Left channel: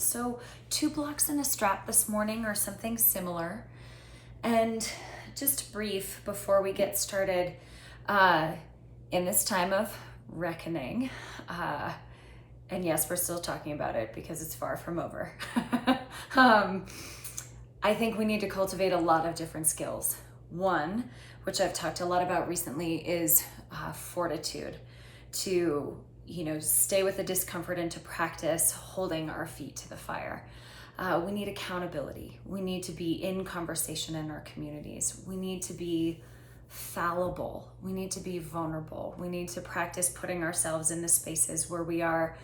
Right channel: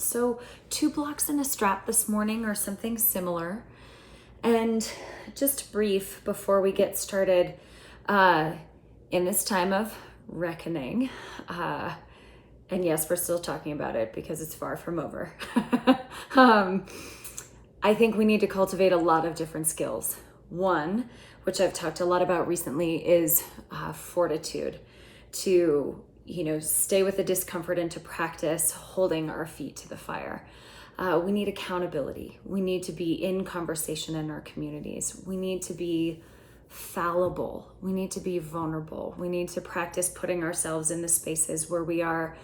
So 2 blocks in the strap this morning or something similar. And just brief before we get started, in this time of reckoning, and yes, we're still talking about it because it's far from over. um, I think we need to cultivate a lot of different skills. One, which I've talked a lot about recently, is fortitude, to stay with the discomfort and to practice holding our feet to the fire. We need accountability. We need to be in conversation in our communities. We need to be fallible. We need to be vulnerable. We need to practice putting ourselves in the spaces where we are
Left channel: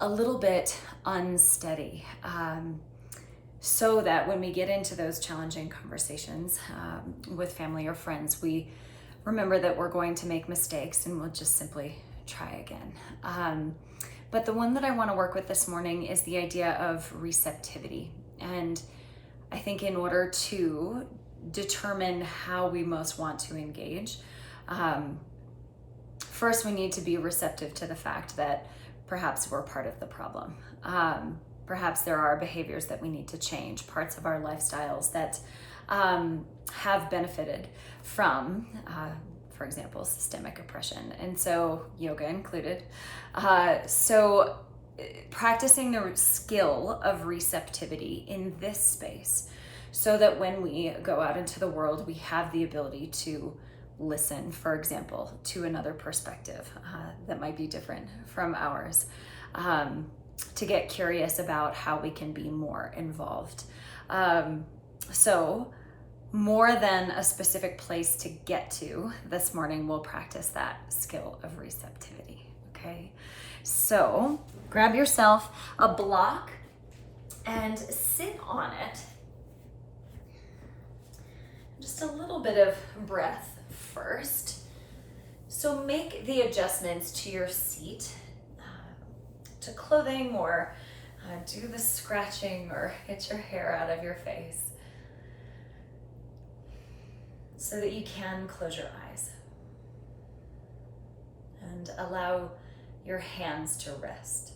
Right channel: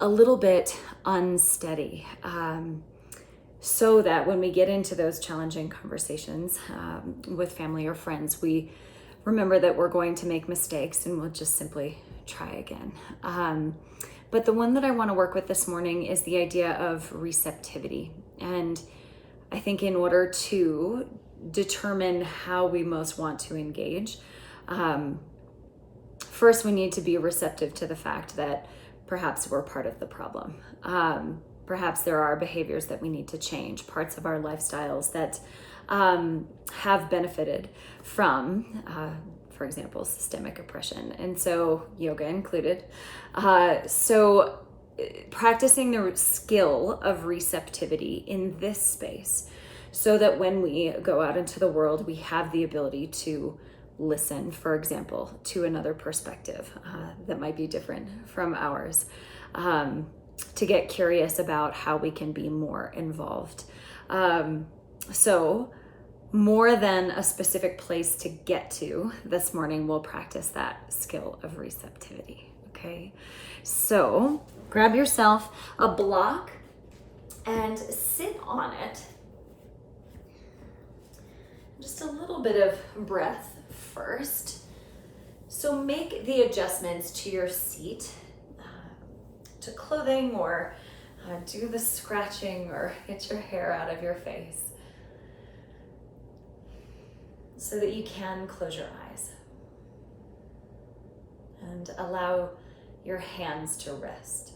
a little bit unsteady, so that when we get into those challenging conversations with family or friends, we remember that we're going to make mistakes and we'll just simply try again. But the one that I want to work with this morning is the idea of receptivity. And I think in order to determine how we most want to engage, first we need to be receptive to the fact that perhaps we're part of the problem. Perhaps there are behaviors that we need to change, parts of our lifestyles that have benefited from, for example, systemic oppression, and so yoga included. So practicing the skill of receptivity in this space, so that when we go out into the world, we have the ability to listen, for example, to another perspective that might be different from ours, to get curious about how we can be more involved. So more than a specific place to get to, this morning we'll practice that skill of receptivity, okay? So grab yourself a block and sit on it. Just a little bit of breath first. So make the adjustments to your seat, to clothing, or do the scratching or get your hair out of your face, so that you can close your eyes and allow your hands to rest,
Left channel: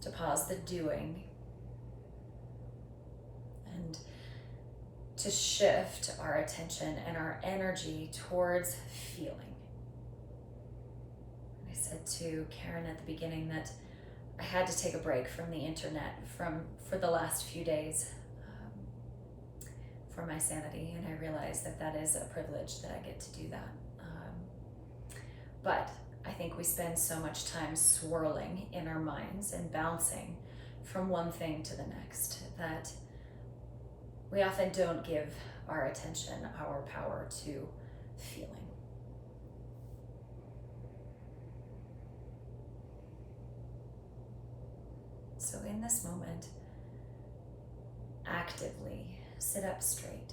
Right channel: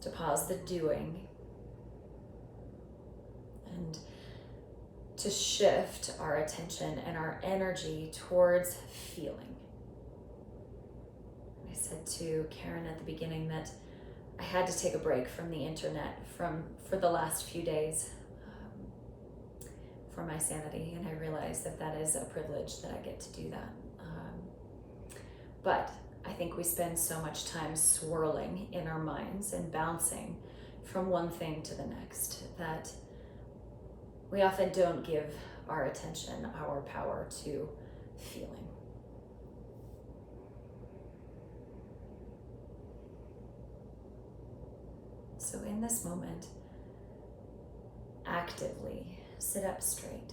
to pause the doing, and to shift our attention and our energy towards feeling. I said to Karen at the beginning that I had to take a break from the internet for the last few days, for my sanity, and I realize that that is a privilege that I get to do that. But I think we spend so much time swirling in our minds and bouncing from one thing to the next that we often don't give our attention, our power to feeling. So in this moment, actively sit up straight.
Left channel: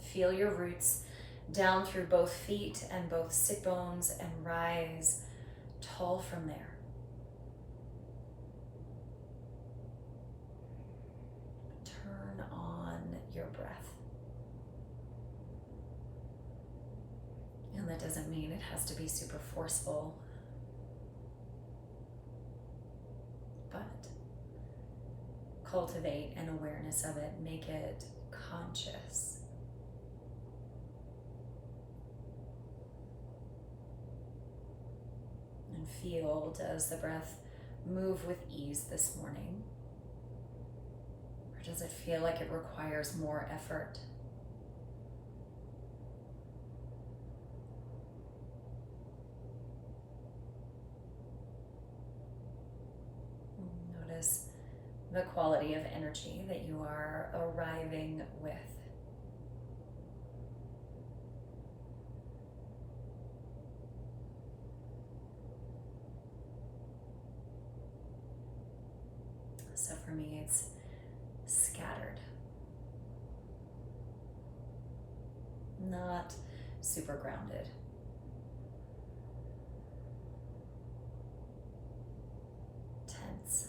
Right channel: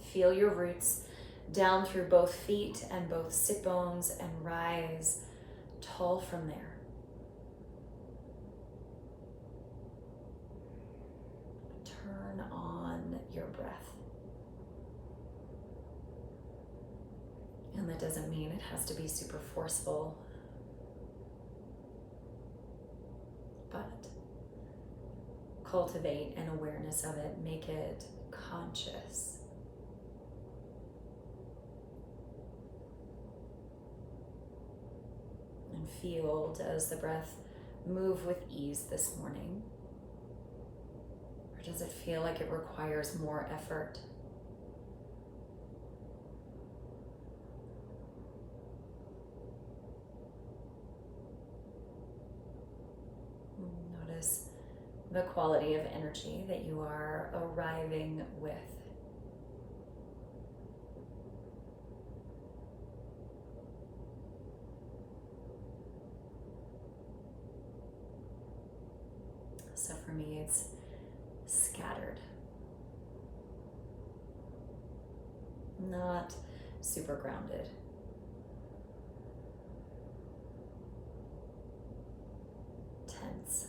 Feel your roots down through both feet and both sit bones, and rise tall from there. Turn on your breath. And that doesn't mean it has to be super forceful, but cultivate an awareness of it, make it conscious. And feel, does the breath move with ease this morning? Or does it feel like it requires more effort? Notice the quality of energy that you are arriving with. So for me, it's scattered, not super grounded. Tense.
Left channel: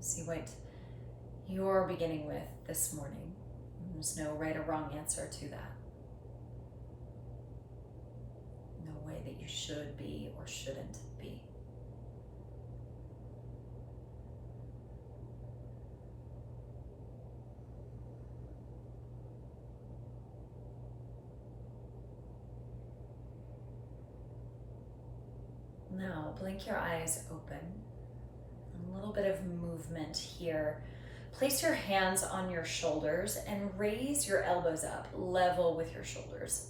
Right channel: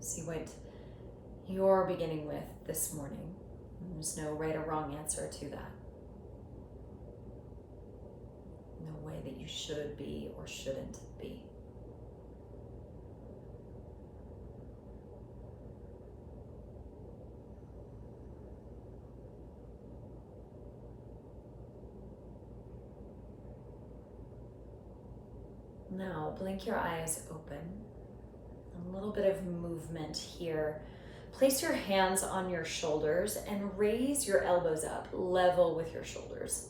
See what you're beginning with this morning. There's no right or wrong answer to that. that you should be or shouldn't be. Now, blink your eyes open. A little bit of movement here. Place your hands on your shoulders and raise your elbows up, level with your shoulders.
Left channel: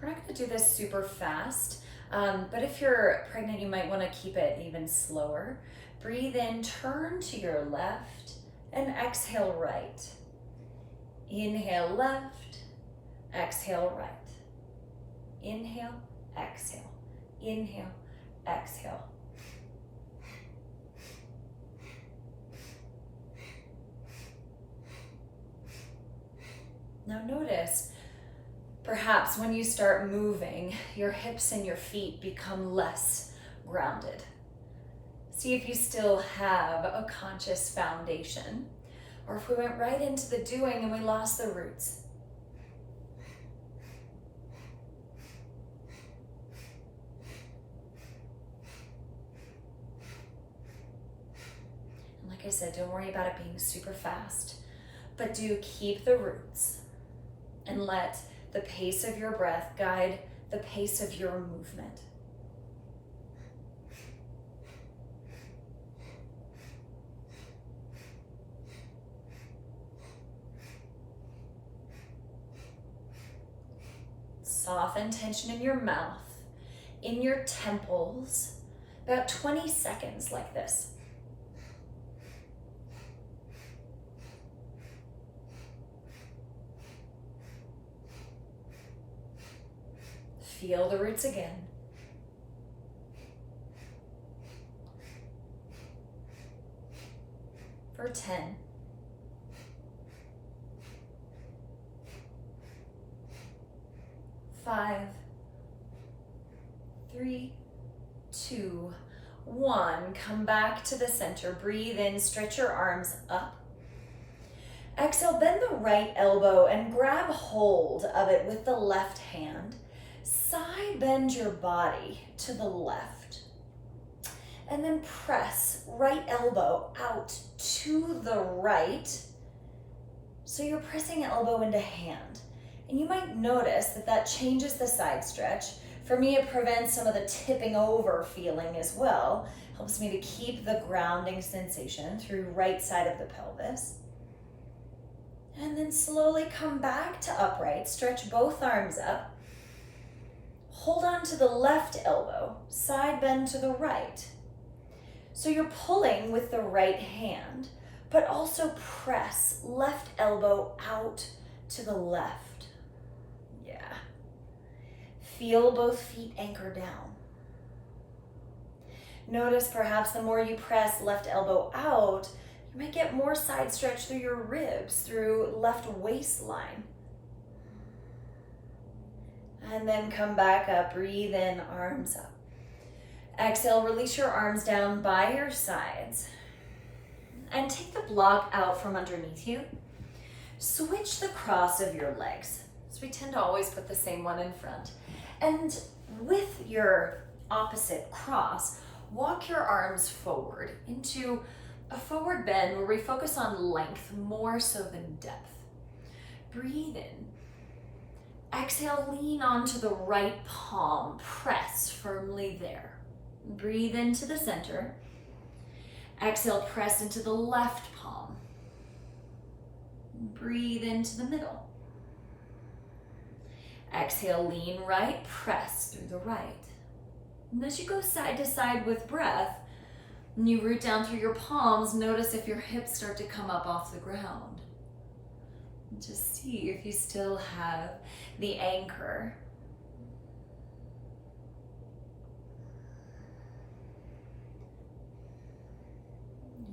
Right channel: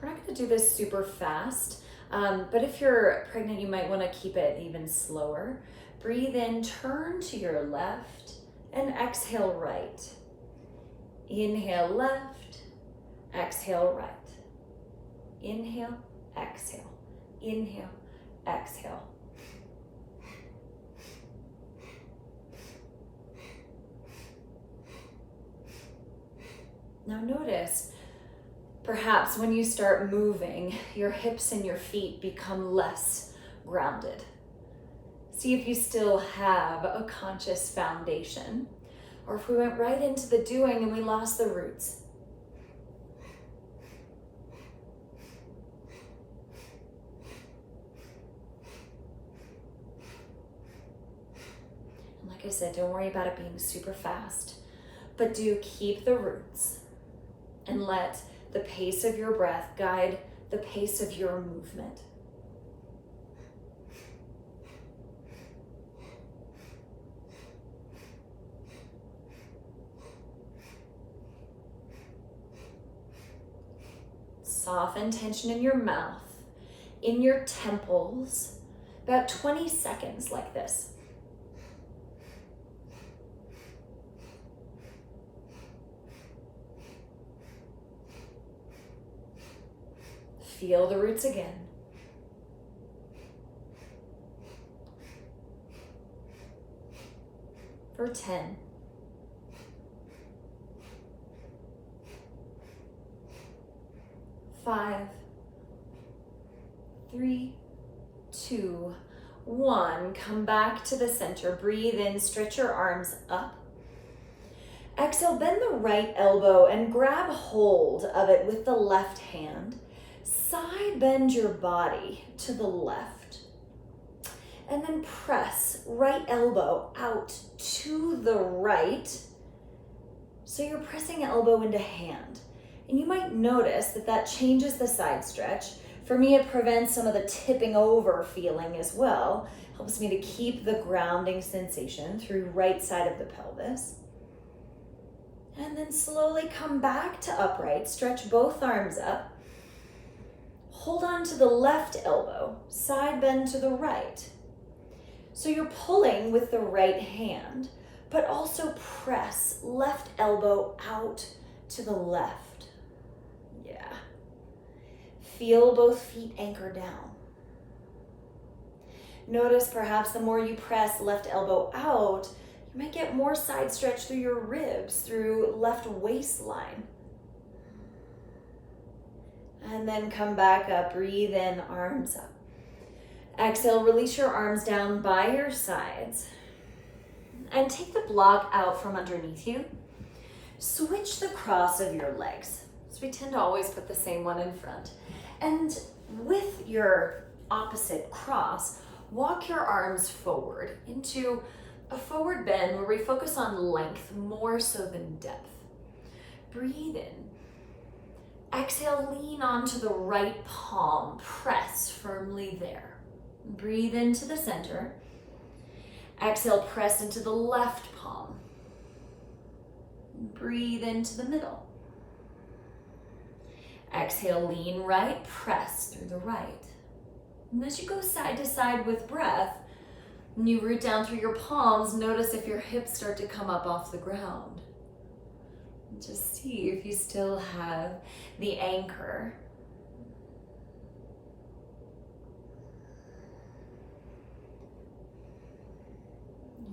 We're not going to do this super fast, but if you're pregnant, you might want to keep it even slower. Breathe in, turn to your left, and exhale right. Inhale left, exhale right. Inhale, exhale. Inhale, exhale. Now notice, perhaps when you start moving, your hips and your feet become less grounded. See if you still have a conscious foundation, or if we went right into the doing and we lost the roots. And like I said, don't worry about it being super fast, but do keep the roots and let the pace of your breath guide the pace of your movement. Soften tension in your mouth, in your temples, about 20 seconds like this. Feel the roots again. For 10. 5, 3, 2, 1. Come back to the center. Breathe in, stretch your arms up. Exhale, bend the right elbow and grab hold of it with the left hand. Side bend your body to the left. And then press right elbow out to the right. So you're pressing elbow into hand. And you might notice that that changes the side stretch. For me, it prevents some of the tipping over feeling as well. Helps me to keep the grounding sensation through right side of the pelvis. And then slowly come back to upright. Stretch both arms up. Hold on to the left elbow, side bend to the right. So you're pulling with the right hand, but also press left elbow out to the left. Yeah. Feel both feet anchor down. Notice perhaps the more you press left elbow out, you might get more side stretch through your ribs, through left waistline. And then come back up, breathe in, arms up. Exhale, release your arms down by your sides. And take the block out from underneath you. Switch the cross of your legs. So we tend to always put the same one in front. And with your opposite cross, walk your arms forward into a forward bend where we focus on length more so than depth. Breathe in. Exhale, lean onto the right palm, press firmly there. Breathe into the center. Exhale, press into the left palm. Breathe into the middle. Exhale, lean right, press through the right. And as you go side to side with breath, and you root down through your palms, notice if your hips start to come up off the ground. Just see if you still have the anchor.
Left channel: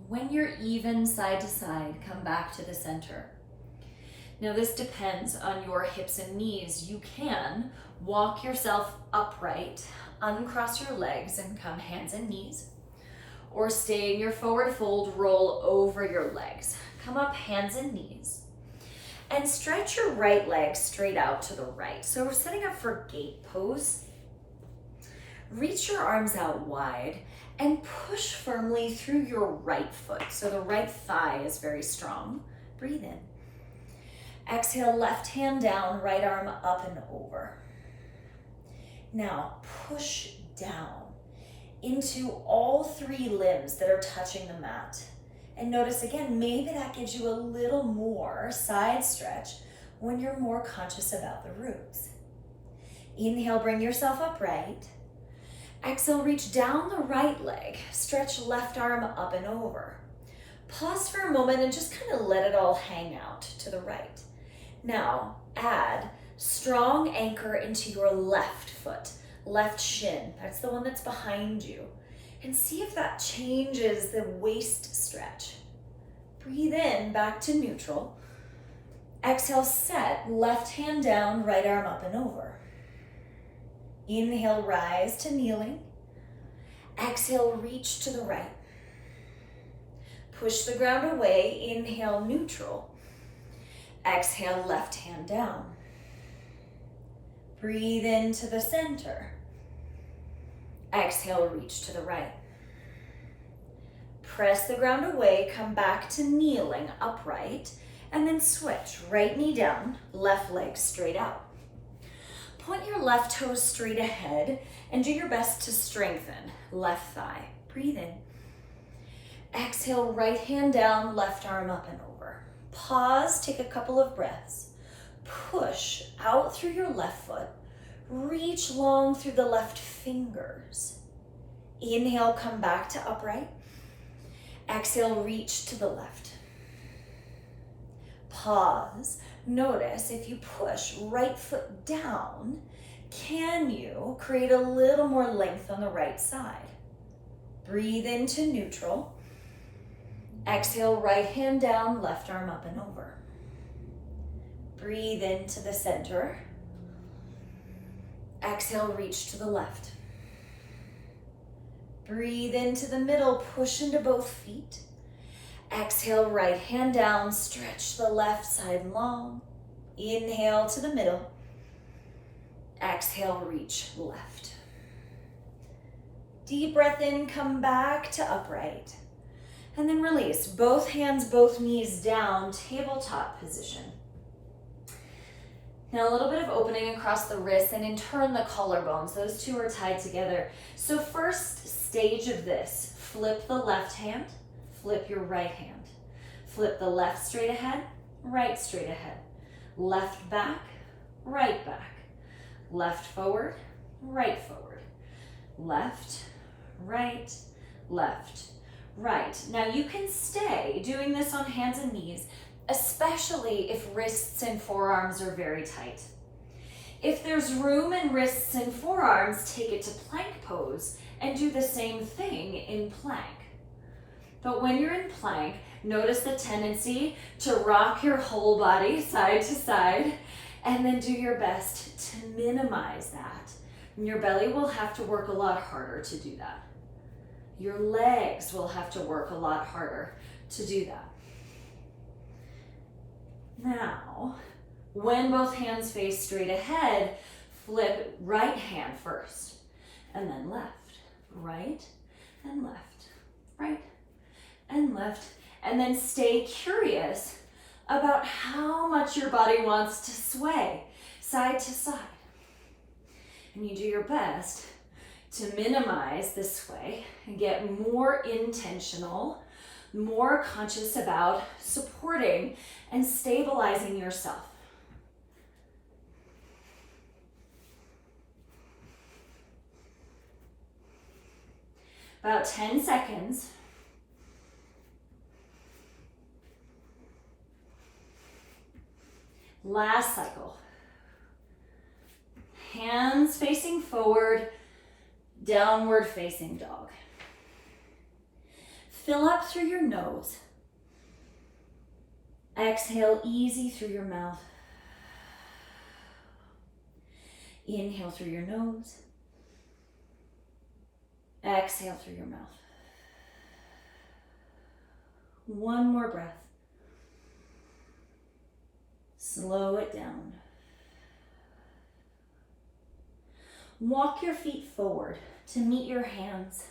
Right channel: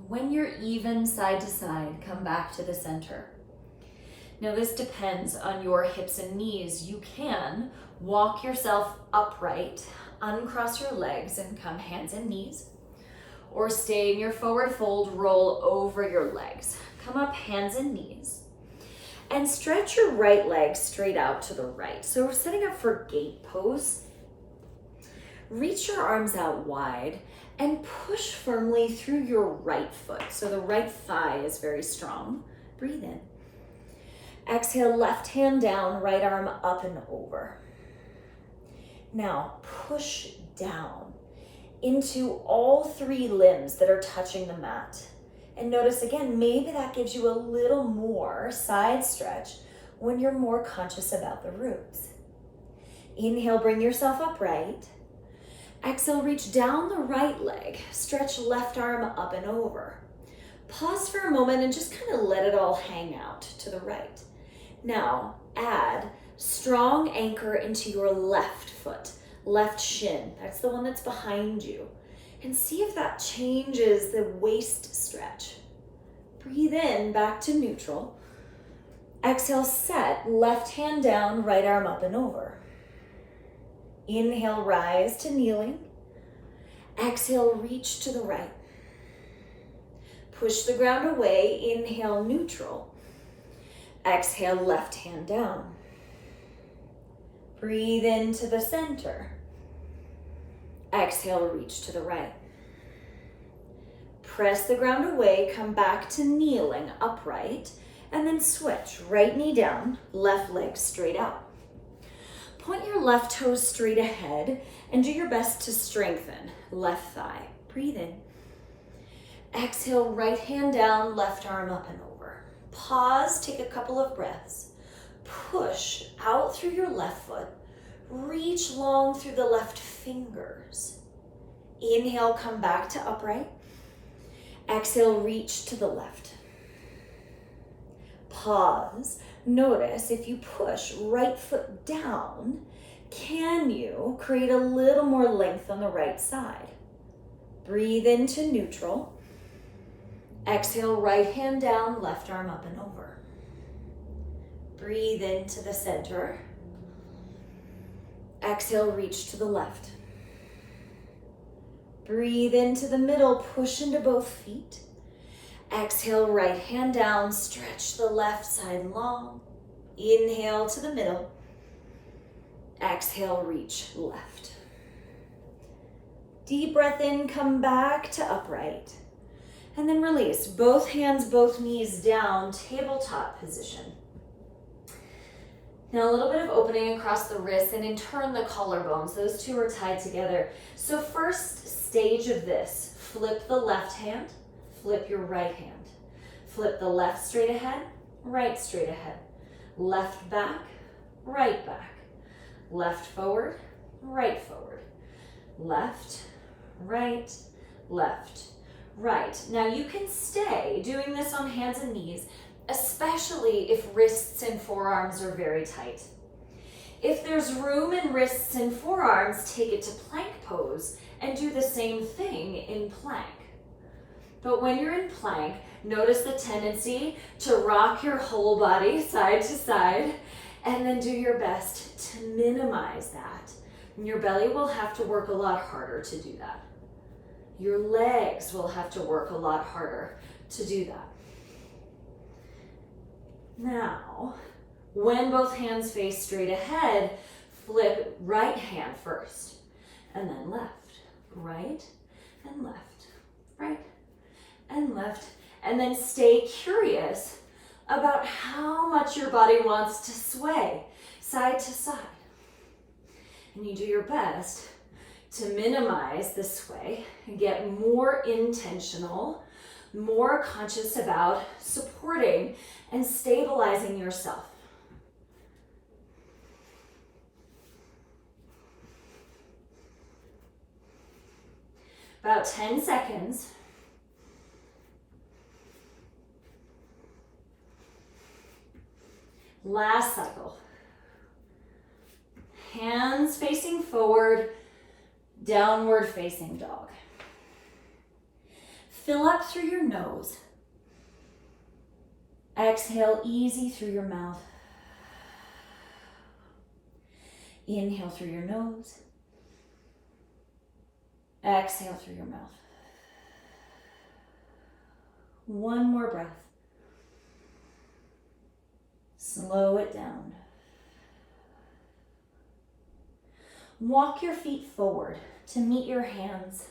When you're even side to side, come back to the center. Now this depends on your hips and knees. You can walk yourself upright, uncross your legs and come hands and knees, or stay in your forward fold, roll over your legs. Come up hands and knees. And stretch your right leg straight out to the right. So we're setting up for gate pose. reach your arms out wide and push firmly through your right foot. So the right thigh is very strong. Breathe in. Exhale, left hand down, right arm up and over. Now push down into all three limbs that are touching the mat. And notice again, maybe that gives you a little more side stretch when you're more conscious about the roots. Inhale, bring yourself upright. Exhale, reach down the right leg, stretch left arm up and over. Pause for a moment and just kind of let it all hang out to the right. Now, add strong anchor into your left foot, left shin. That's the one that's behind you. And see if that changes the waist stretch. Breathe in, back to neutral. Exhale, set, left hand down, right arm up and over. Inhale, rise to kneeling. Exhale, reach to the right. Push the ground away, inhale, neutral. Exhale, left hand down. Breathe into the center. Exhale, reach to the right. Press the ground away, come back to kneeling, upright, and then switch. Right knee down, left leg straight out. Point your left toes straight ahead and do your best to strengthen left thigh. Breathe in. Exhale, right hand down, left arm up and over. Pause, take a couple of breaths. Push out through your left foot. Reach long through the left fingers. Inhale, come back to upright. Exhale, reach to the left. Pause. Notice if you push right foot down, can you create a little more length on the right side? Breathe into neutral. Exhale, right hand down, left arm up and over. Breathe into the center. Exhale, reach to the left. Breathe into the middle, push into both feet. Exhale, right hand down, stretch the left side long. Inhale to the middle. Exhale, reach left. Deep breath in, come back to upright. And then release. Both hands, both knees down, tabletop position. Now a little bit of opening across the wrists and in turn the collarbones. Those two are tied together. So first stage of this, flip the left hand, flip your right hand. Flip the left straight ahead, right straight ahead. Left back, right back. Left forward, right forward. Left, right, left, right. Now you can stay doing this on hands and knees, especially if wrists and forearms are very tight. If there's room in wrists and forearms, take it to plank pose and do the same thing in plank. But when you're in plank, notice the tendency to rock your whole body side to side and then do your best to minimize that. And your belly will have to work a lot harder to do that. Your legs will have to work a lot harder to do that. Now, when both hands face straight ahead, flip right hand first, and then left, right, and left, right, and left, and then stay curious about how much your body wants to sway side to side. And you do your best to minimize the sway and get more intentional, more conscious about supporting and stabilizing yourself. About 10 seconds. Last cycle. Hands facing forward, downward facing dog. Fill up through your nose. Exhale easy through your mouth. Inhale through your nose. Exhale through your mouth. One more breath. Slow it down. Walk your feet forward to meet your hands.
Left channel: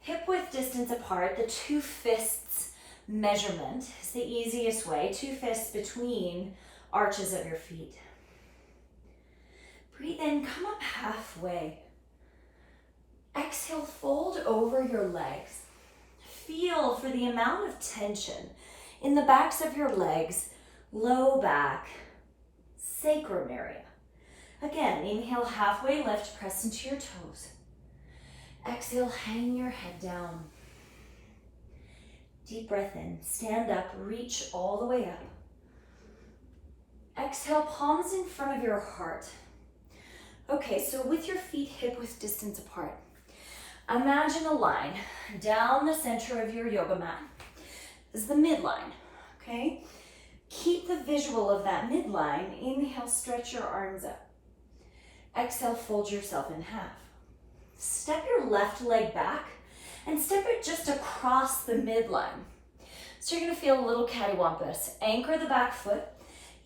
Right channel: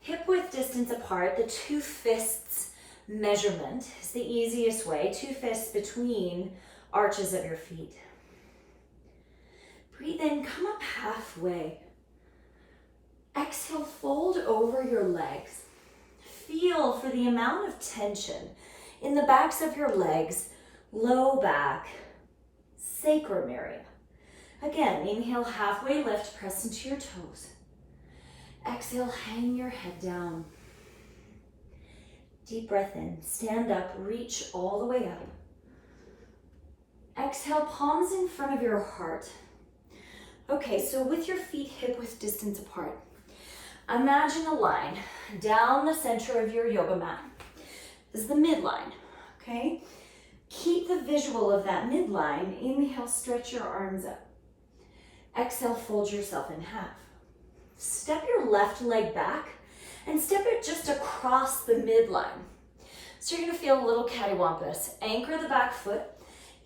Hip width distance apart, the 2 fists measurement is the easiest way. 2 fists between arches of your feet. Breathe in, come up halfway. Exhale, fold over your legs. Feel for the amount of tension in the backs of your legs, low back, sacrum area. Again, inhale, halfway lift, press into your toes. Exhale, hang your head down. Deep breath in, stand up, reach all the way up. Exhale, palms in front of your heart. Okay, so with your feet hip width distance apart, imagine a line down the center of your yoga mat. This is the midline, okay? Keep the visual of that midline. Inhale, stretch your arms up. Exhale, fold yourself in half. Step your left leg back and step it just across the midline. So you're gonna feel a little cattywampus. Anchor the back foot.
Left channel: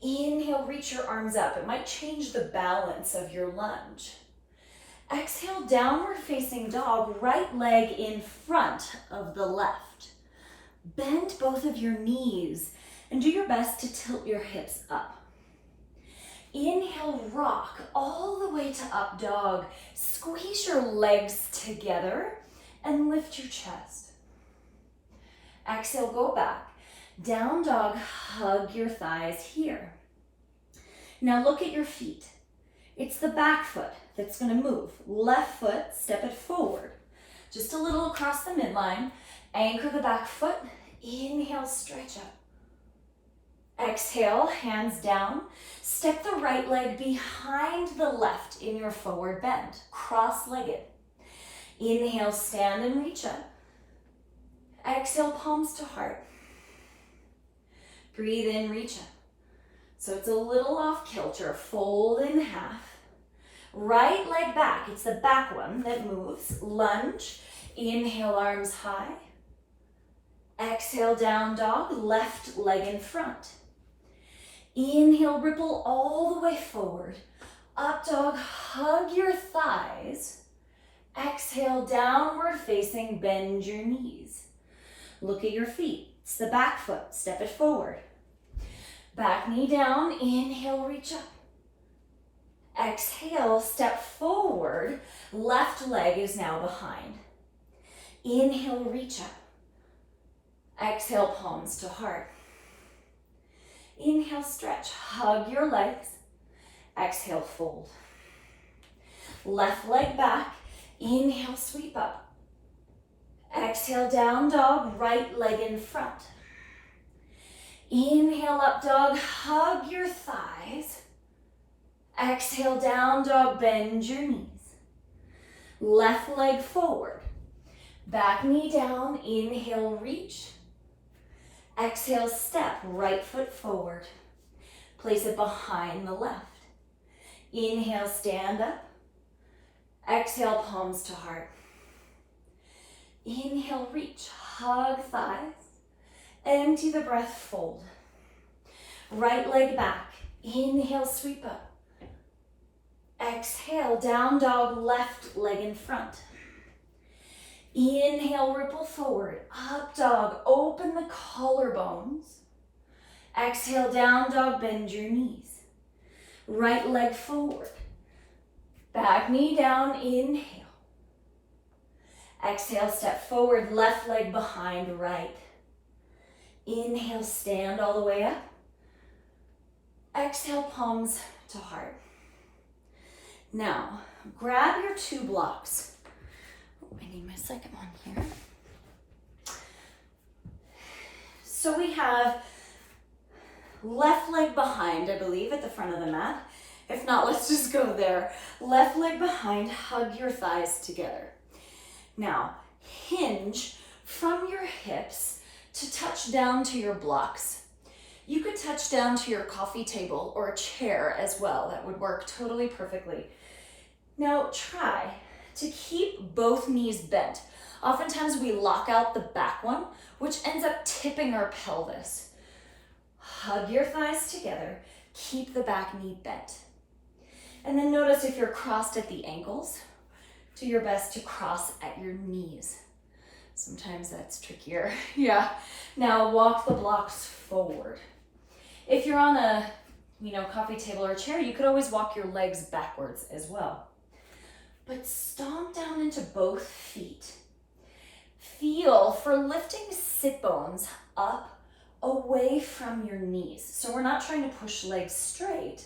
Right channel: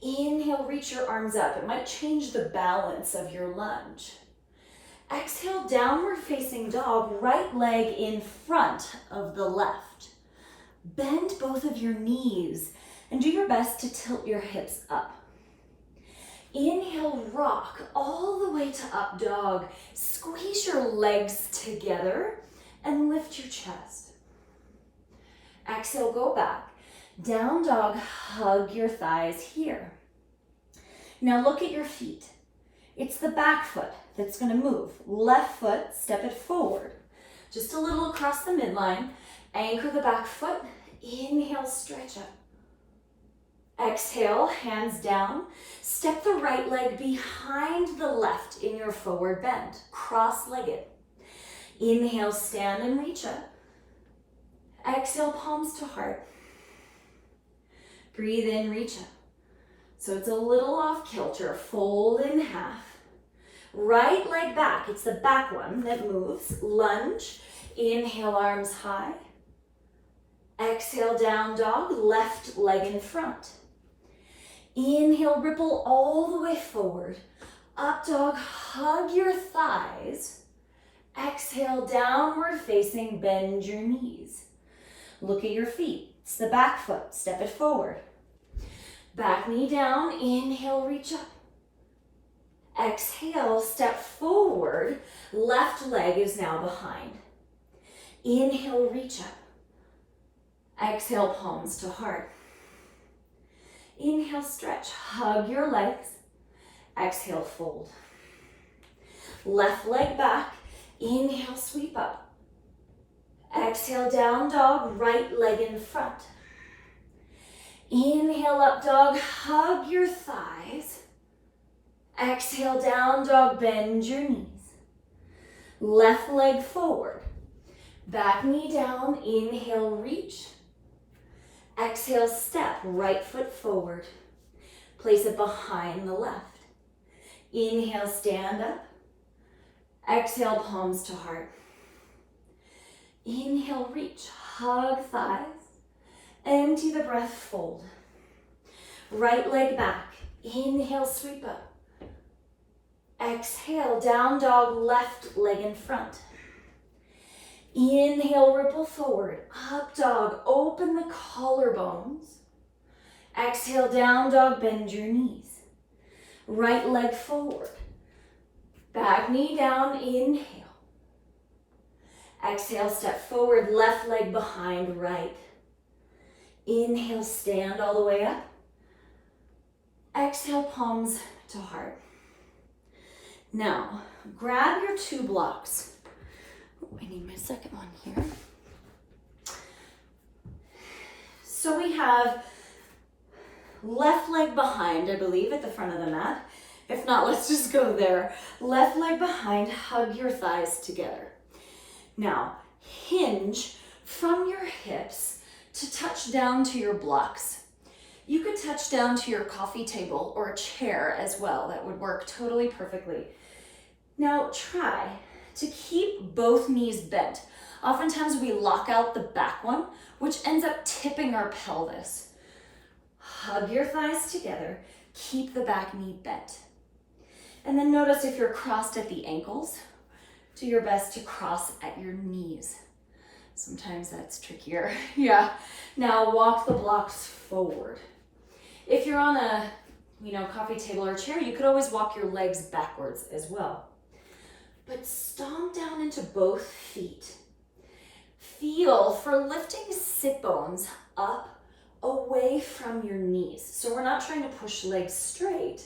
Inhale, reach your arms up. It might change the balance of your lunge. Exhale, downward facing dog, right leg in front of the left. Bend both of your knees and do your best to tilt your hips up. Inhale, rock all the way to up dog. Squeeze your legs together and lift your chest. Exhale, go back. Down dog, hug your thighs here. Now look at your feet. It's the back foot that's gonna move. Left foot, step it forward. Just a little across the midline. Anchor the back foot. Inhale, stretch up. Exhale, hands down. Step the right leg behind the left in your forward bend, cross-legged. Inhale, stand and reach up. Exhale, palms to heart. Breathe in, reach up. So it's a little off kilter, fold in half. Right leg back, it's the back one that moves. Lunge, inhale, arms high. Exhale, down dog, left leg in front. Inhale, ripple all the way forward. Up dog, hug your thighs. Exhale, downward facing, bend your knees. Look at your feet. It's the back foot, step it forward. Back knee down, inhale, reach up. Exhale, step forward. Left leg is now behind. Inhale, reach up. Exhale, palms to heart. Inhale, stretch, hug your legs. Exhale, fold. Left leg back, inhale, sweep up. Exhale, down dog, right leg in front. Inhale, up dog, hug your thighs. Exhale, down dog, bend your knees. Left leg forward. Back knee down, inhale, reach. Exhale, step, right foot forward. Place it behind the left. Inhale, stand up. Exhale, palms to heart. Inhale, reach, hug thighs. Empty the breath, fold. Right leg back. Inhale, sweep up. Exhale, down dog, left leg in front. Inhale, ripple forward. Up dog, open the collarbones. Exhale, down dog, bend your knees. Right leg forward. Back knee down, inhale. Exhale, step forward, left leg behind right. Inhale, stand all the way up. Exhale, palms to heart. Now, grab your 2 blocks. I need my second one here. So we have left leg behind, I believe, at the front of the mat. If not, let's just go there. Left leg behind, hug your thighs together. Now, hinge from your hips to touch down to your blocks. You could touch down to your coffee table or a chair as well. That would work totally perfectly. Now, try to keep both knees bent. Oftentimes we lock out the back one, which ends up tipping our pelvis. Hug your thighs together. Keep the back knee bent. And then notice if you're crossed at the ankles, do your best to cross at your knees. Sometimes that's trickier. Yeah. Now walk the blocks forward. If you're on a, coffee table or chair, you could always walk your legs backwards as well. But stomp down into both feet. Feel for lifting sit bones up away from your knees. So we're not trying to push legs straight,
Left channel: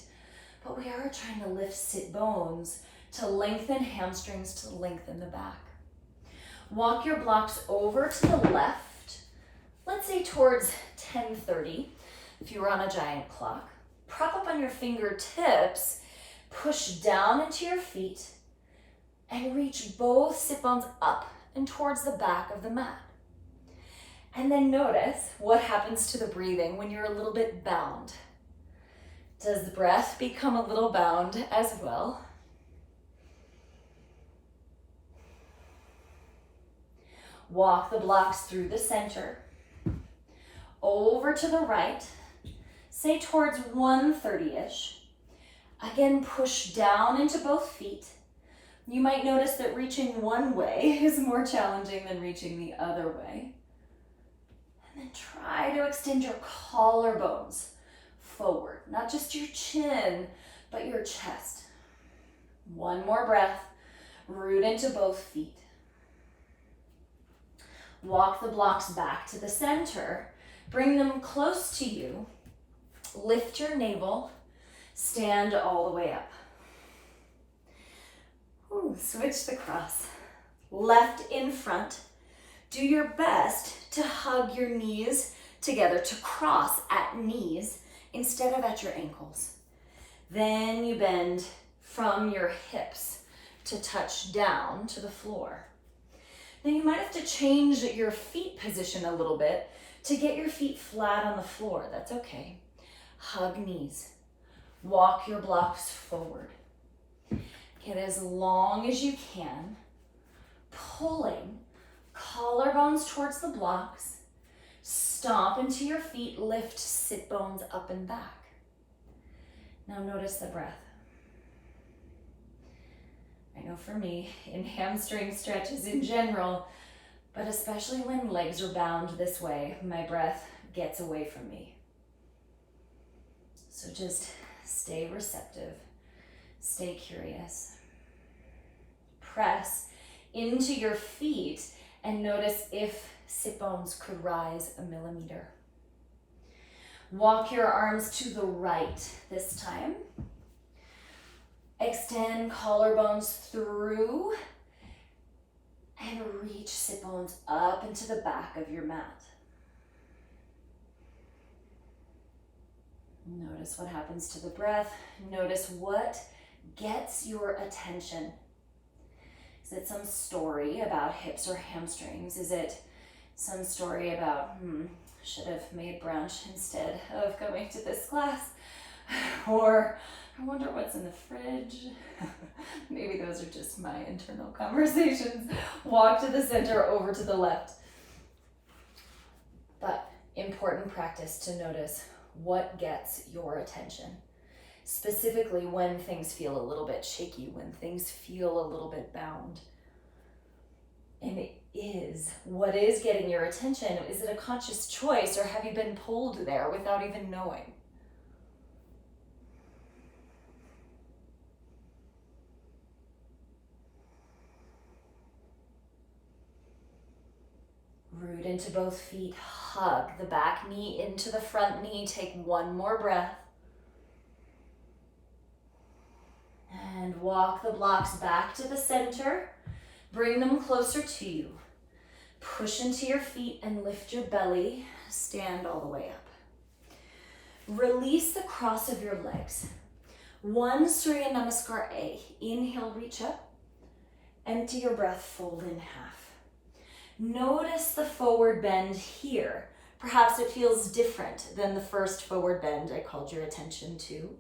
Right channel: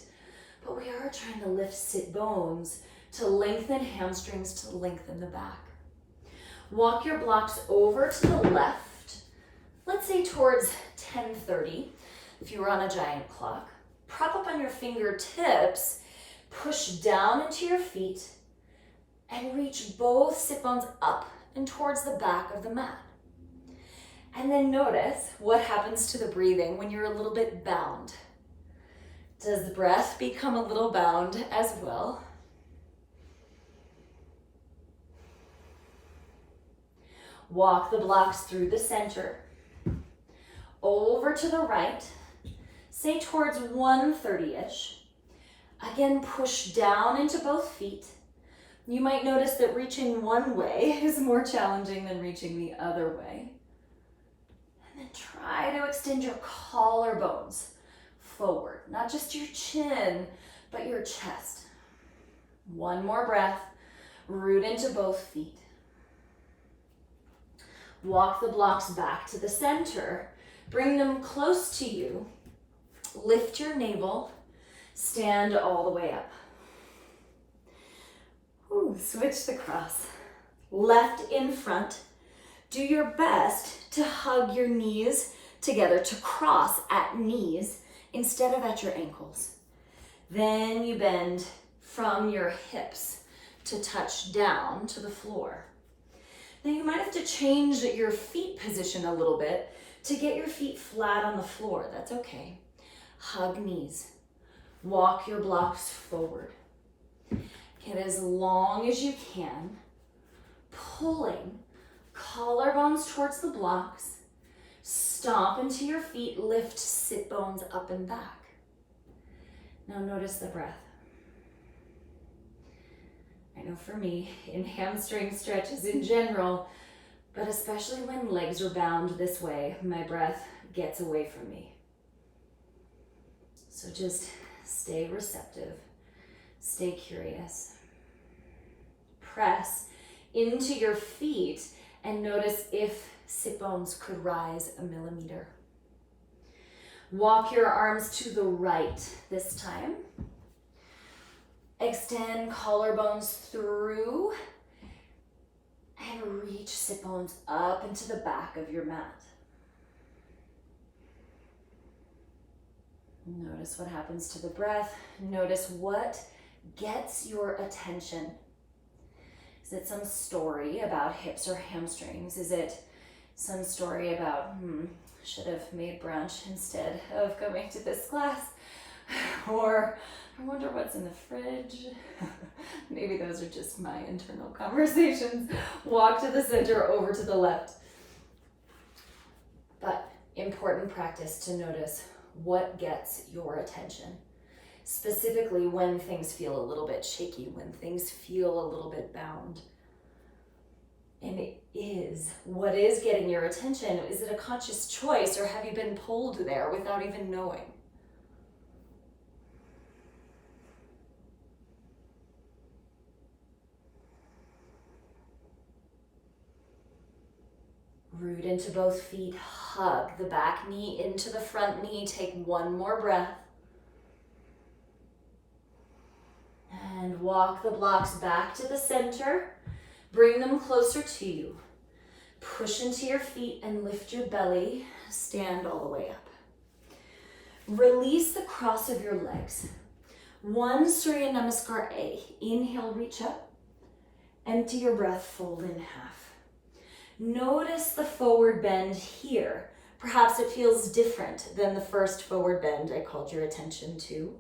but we are trying to lift sit bones to lengthen hamstrings, to lengthen the back. Walk your blocks over to the left, let's say towards 10:30, if you were on a giant clock. Prop up on your fingertips, push down into your feet, and reach both sit bones up and towards the back of the mat. And then notice what happens to the breathing when you're a little bit bound. Does the breath become a little bound as well? Walk the blocks through the center, over to the right, say towards 1:30-ish. Again, push down into both feet. You might notice that reaching one way is more challenging than reaching the other way. And then try to extend your collarbones forward, not just your chin, but your chest. One more breath, root into both feet. Walk the blocks back to the center, bring them close to you, lift your navel, stand all the way up. Switch the cross. Left in front. Do your best to hug your knees together, to cross at knees instead of at your ankles. Then you bend from your hips to touch down to the floor. Now you might have to change your feet position a little bit to get your feet flat on the floor. That's okay. Hug knees. Walk your blocks forward. Get as long as you can, pulling collarbones towards the blocks. Stomp into your feet, lift sit bones up and back. Now notice the breath. I know for me, in hamstring stretches in general, but especially when legs are bound this way, my breath gets away from me. So just stay receptive, stay curious. Press into your feet and notice if sit bones could rise a millimeter. Walk your arms to the right this time. Extend collarbones through and reach sit bones up into the back of your mat. Notice what happens to the breath. Notice what gets your attention. Is it some story about hips or hamstrings? Is it some story about, should have made brunch instead of coming to this class? Or I wonder what's in the fridge. Maybe those are just my internal conversations. Walk to the center, over to the left. But important practice to notice what gets your attention. Specifically when things feel a little bit shaky, when things feel a little bit bound. And it is, what is getting your attention? Is it a conscious choice, or have you been pulled there without even knowing? Root into both feet, hug the back knee into the front knee. Take one more breath. And walk the blocks back to the center. Bring them closer to you. Push into your feet and lift your belly. Stand all the way up. Release the cross of your legs. One Surya Namaskar A. Inhale, reach up. Empty your breath, fold in half. Notice the forward bend here. Perhaps it feels different than the first forward bend I called your attention to.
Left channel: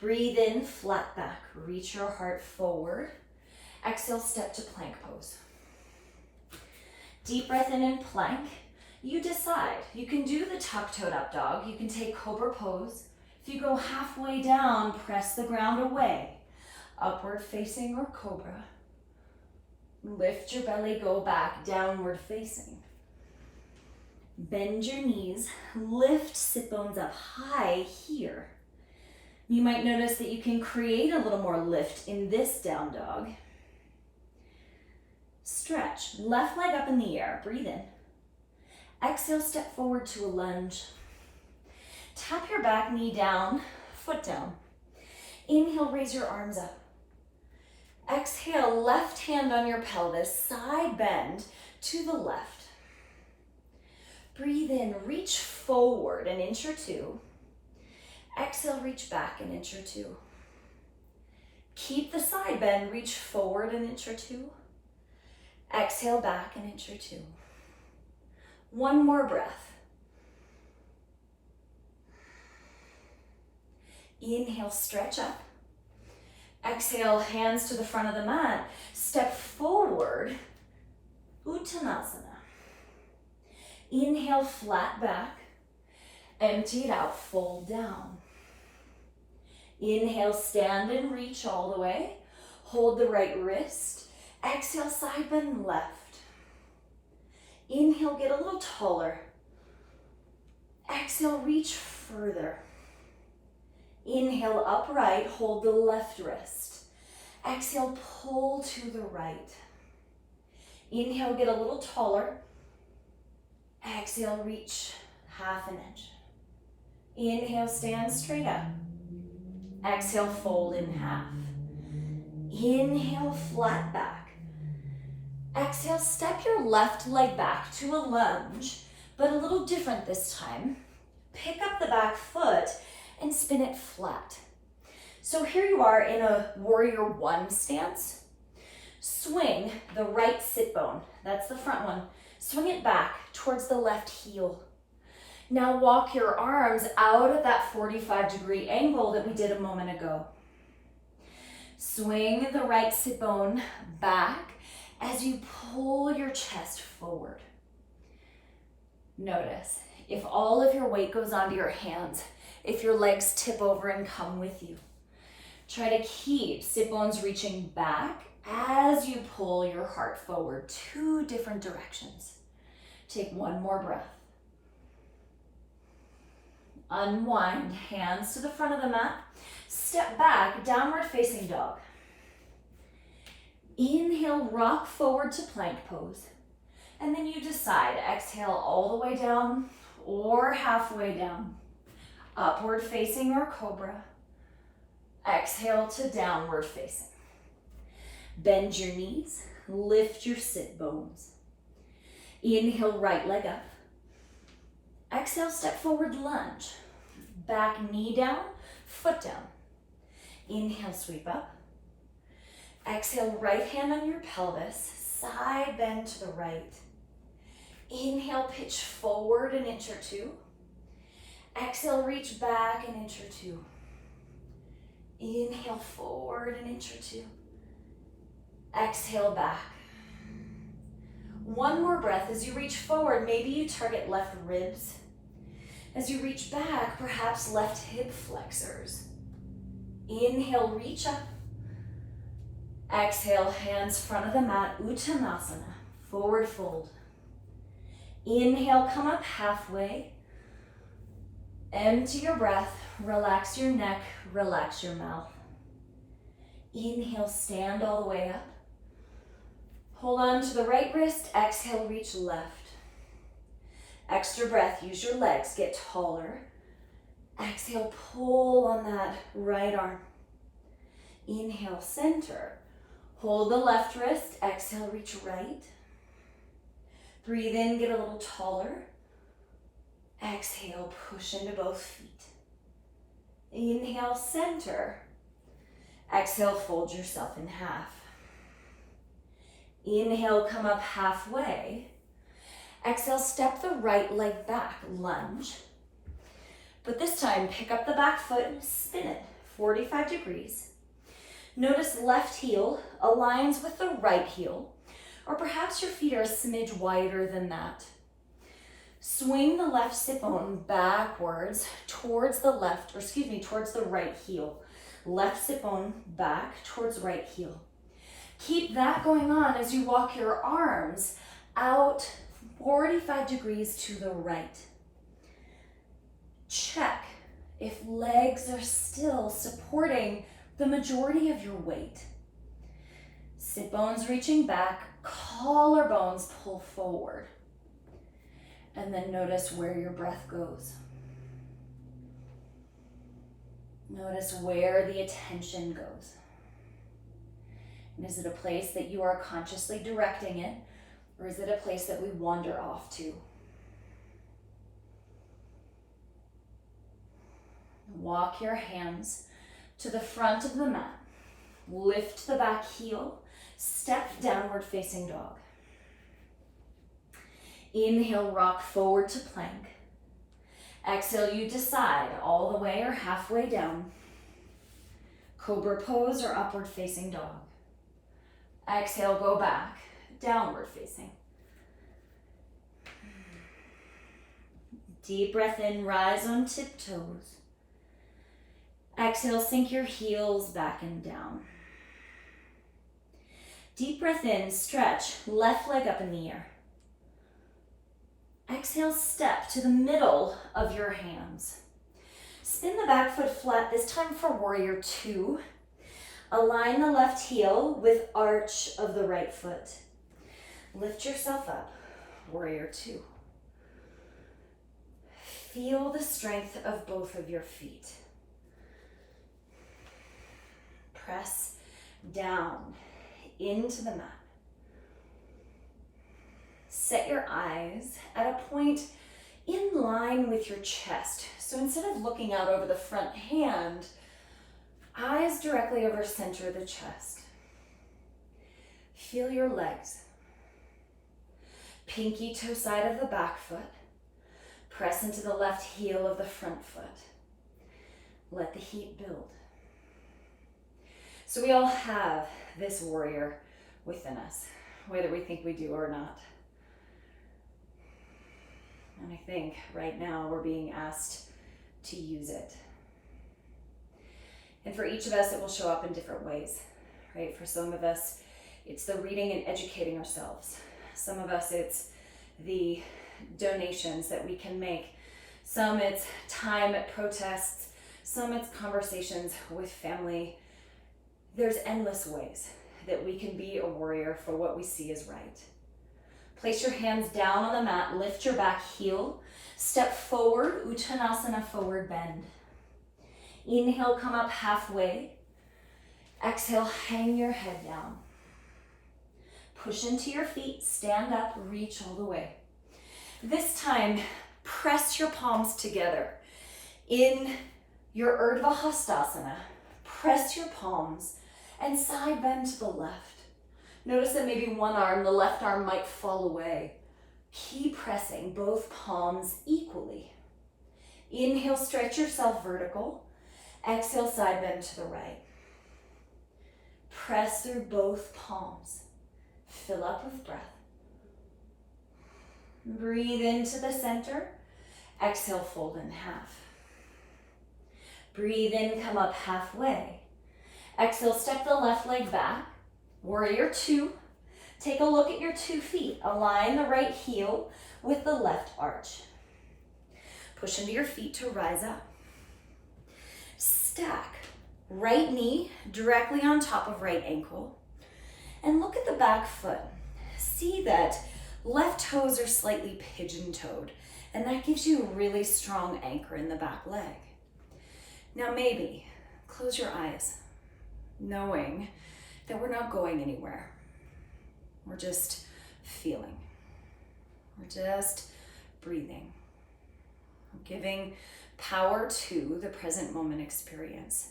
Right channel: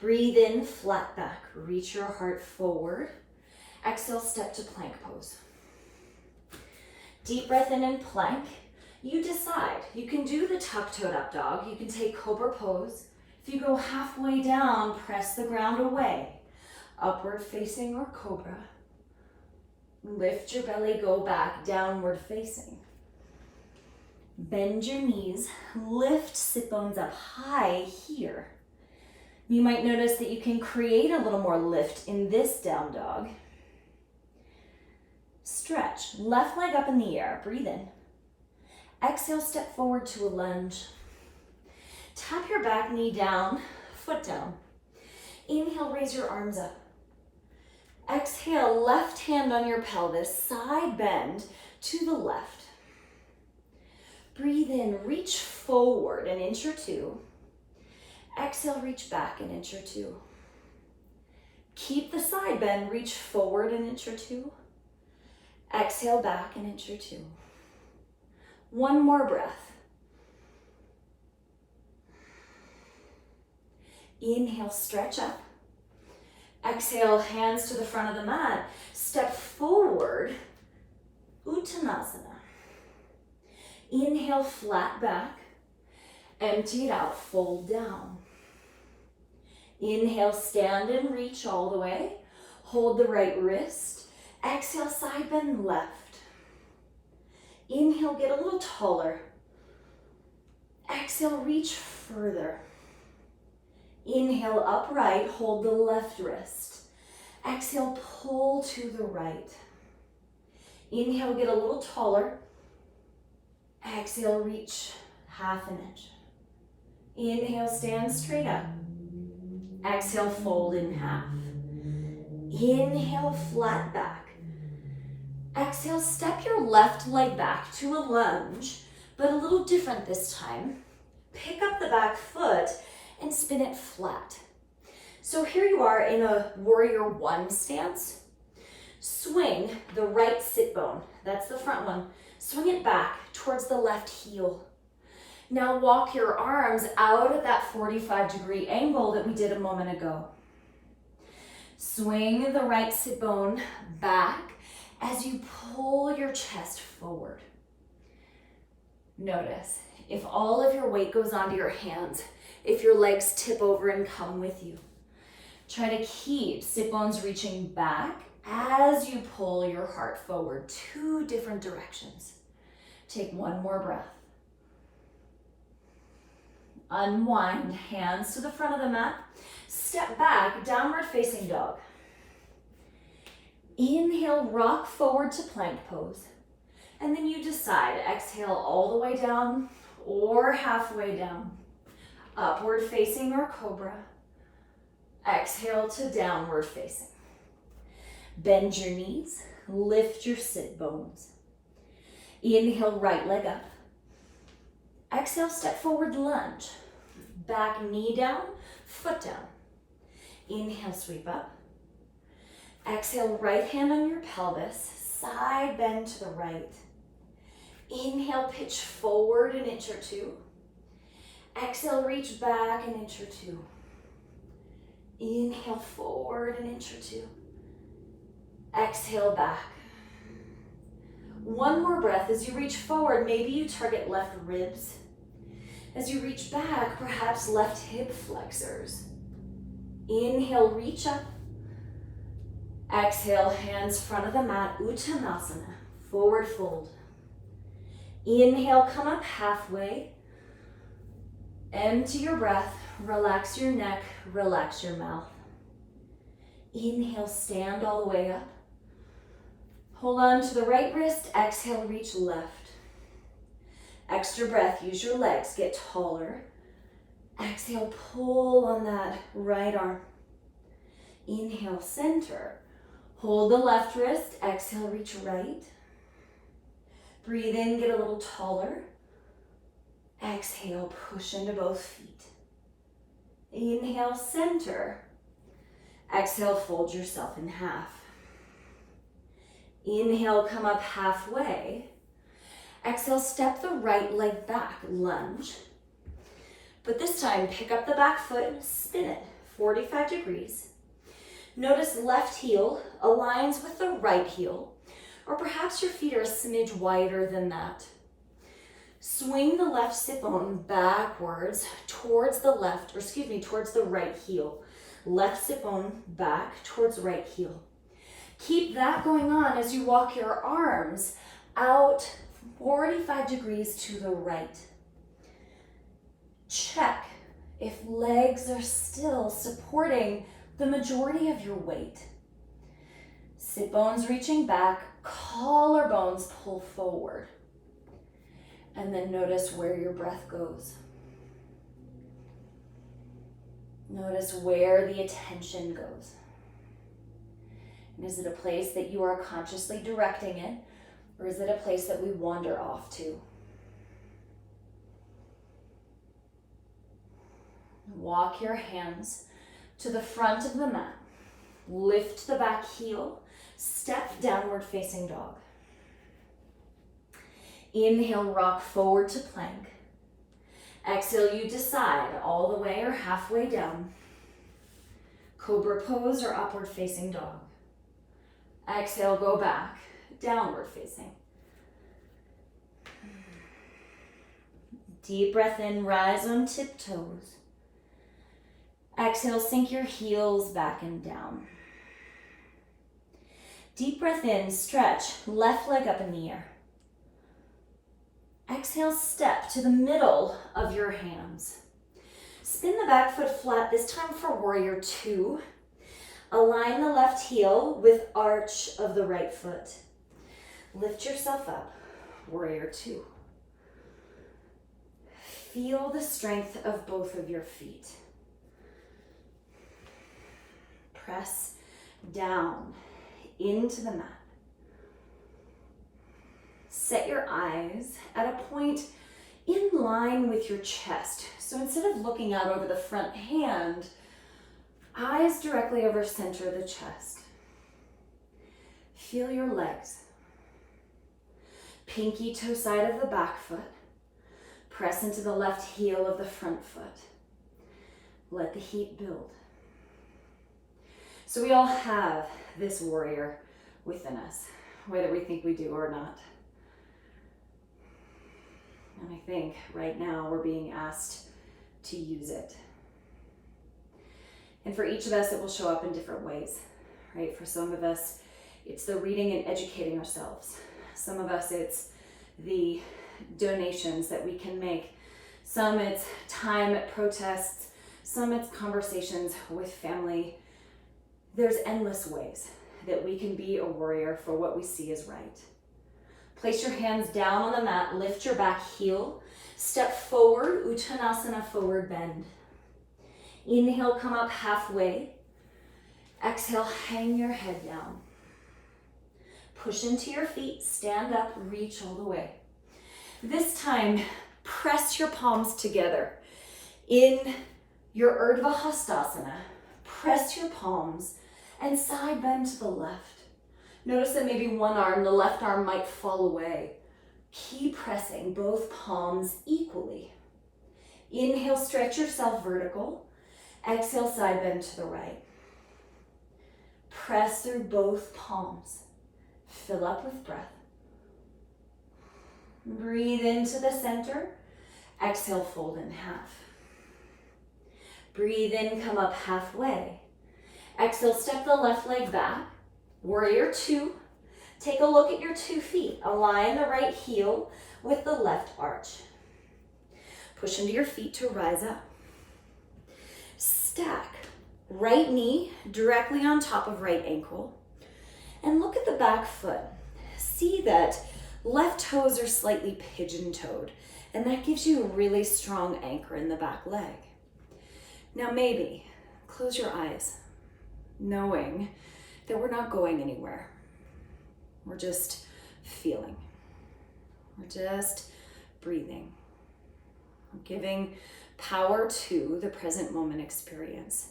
Breathe in, flat back. Reach your heart forward. Exhale, step to plank pose. Deep breath in plank. You decide. You can do the tuck-toed up dog. You can take cobra pose. If you go halfway down, press the ground away. Upward facing or cobra. Lift your belly, go back, downward facing. Bend your knees, lift sit bones up high here. You might notice that you can create a little more lift in this down dog. Stretch, left leg up in the air, breathe in. Exhale, step forward to a lunge. Tap your back knee down, foot down. Inhale, raise your arms up. Exhale, left hand on your pelvis, side bend to the left. Breathe in, reach forward an inch or two. Exhale, reach back an inch or two. Keep the side bend, reach forward an inch or two. Exhale, back an inch or two. One more breath. Inhale, stretch up. Exhale, hands to the front of the mat. Step forward, Uttanasana. Inhale, flat back. Empty it out, fold down. Inhale, stand and reach all the way. Hold the right wrist. Exhale, side bend left. Inhale, get a little taller. Exhale, reach further. Inhale, upright, hold the left wrist. Exhale, pull to the right. Inhale, get a little taller. Exhale, reach half an inch. Inhale, stand straight up. Exhale, fold in half. Inhale, flat back. Exhale, step your left leg back to a lunge, but a little different this time. Pick up the back foot and spin it flat. So here you are in a warrior one stance. Swing the right sit bone, that's the front one. Swing it back towards the left heel. Now walk your arms out at that 45-degree angle that we did a moment ago. Swing the right sit bone back as you pull your chest forward. Notice if all of your weight goes onto your hands, if your legs tip over and come with you. Try to keep sit bones reaching back as you pull your heart forward, 2 different directions. Take one more breath. Unwind, hands to the front of the mat. Step back, downward facing dog. Inhale, rock forward to plank pose. And then you decide, exhale all the way down or halfway down. Upward facing or cobra. Exhale to downward facing. Bend your knees, lift your sit bones. Inhale, right leg up. Exhale, step forward, lunge. Back knee down, foot down. Inhale, sweep up. Exhale, right hand on your pelvis, side bend to the right. Inhale, pitch forward an inch or two. Exhale, reach back an inch or two. Inhale, forward an inch or two. Exhale, back. One more breath. As you reach forward, maybe you target left ribs. As you reach back, perhaps left hip flexors. Inhale, reach up. Exhale, hands front of the mat, Uttanasana, forward fold. Inhale, come up halfway. Empty your breath, relax your neck, relax your mouth. Inhale, stand all the way up. Hold on to the right wrist, exhale, reach left. Extra breath, use your legs, get taller. Exhale, pull on that right arm. Inhale, center. Hold the left wrist, exhale, reach right. Breathe in, get a little taller. Exhale, push into both feet. Inhale, center. Exhale, fold yourself in half. Inhale, come up halfway. Exhale, step the right leg back, lunge. But this time, pick up the back foot and spin it 45 degrees. Notice left heel aligns with the right heel, or perhaps your feet are a smidge wider than that. Swing the left sit bone backwards towards the right heel. Left sit bone back towards right heel. Keep that going on as you walk your arms out 45 degrees to the right. Check if legs are still supporting the majority of your weight. Sit bones reaching back, collarbones pull forward. And then notice where your breath goes. Notice where the attention goes. And is it a place that you are consciously directing it, or is it a place that we wander off to? Walk your hands to the front of the mat. Lift the back heel. Step downward facing dog. Inhale, rock forward to plank. Exhale, you decide all the way or halfway down. Cobra pose or upward facing dog. Exhale, go back, downward facing. Deep breath in, rise on tiptoes. Exhale, sink your heels back and down. Deep breath in, stretch, left leg up in the air. Exhale, step to the middle of your hands. Spin the back foot flat, this time for warrior two. Align the left heel with arch of the right foot. Lift yourself up, warrior two. Feel the strength of both of your feet. Press down into the mat. Set your eyes at a point in line with your chest. So instead of looking out over the front hand, eyes directly over center of the chest. Feel your legs. Pinky toe side of the back foot. Press into the left heel of the front foot. Let the heat build. So we all have this warrior within us, whether we think we do or not. And I think right now we're being asked to use it. And for each of us, it will show up in different ways, right? For some of us, it's the reading and educating ourselves. Some of us, it's the donations that we can make. Some it's time at protests. Some it's conversations with family. There's endless ways that we can be a warrior for what we see as right. Place your hands down on the mat, lift your back heel, step forward, Uttanasana, forward bend. Inhale, come up halfway. Exhale, hang your head down. Push into your feet, stand up, reach all the way. This time, press your palms together. In your Urdhva Hastasana, press your palms and side bend to the left. Notice that maybe one arm, the left arm, might fall away. Keep pressing both palms equally. Inhale, stretch yourself vertical. Exhale, side bend to the right. Press through both palms. Fill up with breath. Breathe into the center. Exhale, fold in half. Breathe in, come up halfway. Exhale, step the left leg back. Warrior two. Take a look at your 2 feet. Align the right heel with the left arch. Push into your feet to rise up. Stack right knee directly on top of right ankle. And look at the back foot. See that left toes are slightly pigeon-toed, and that gives you a really strong anchor in the back leg. Now maybe close your eyes, knowing that we're not going anywhere. We're just feeling. We're just breathing. We're giving power to the present moment experience.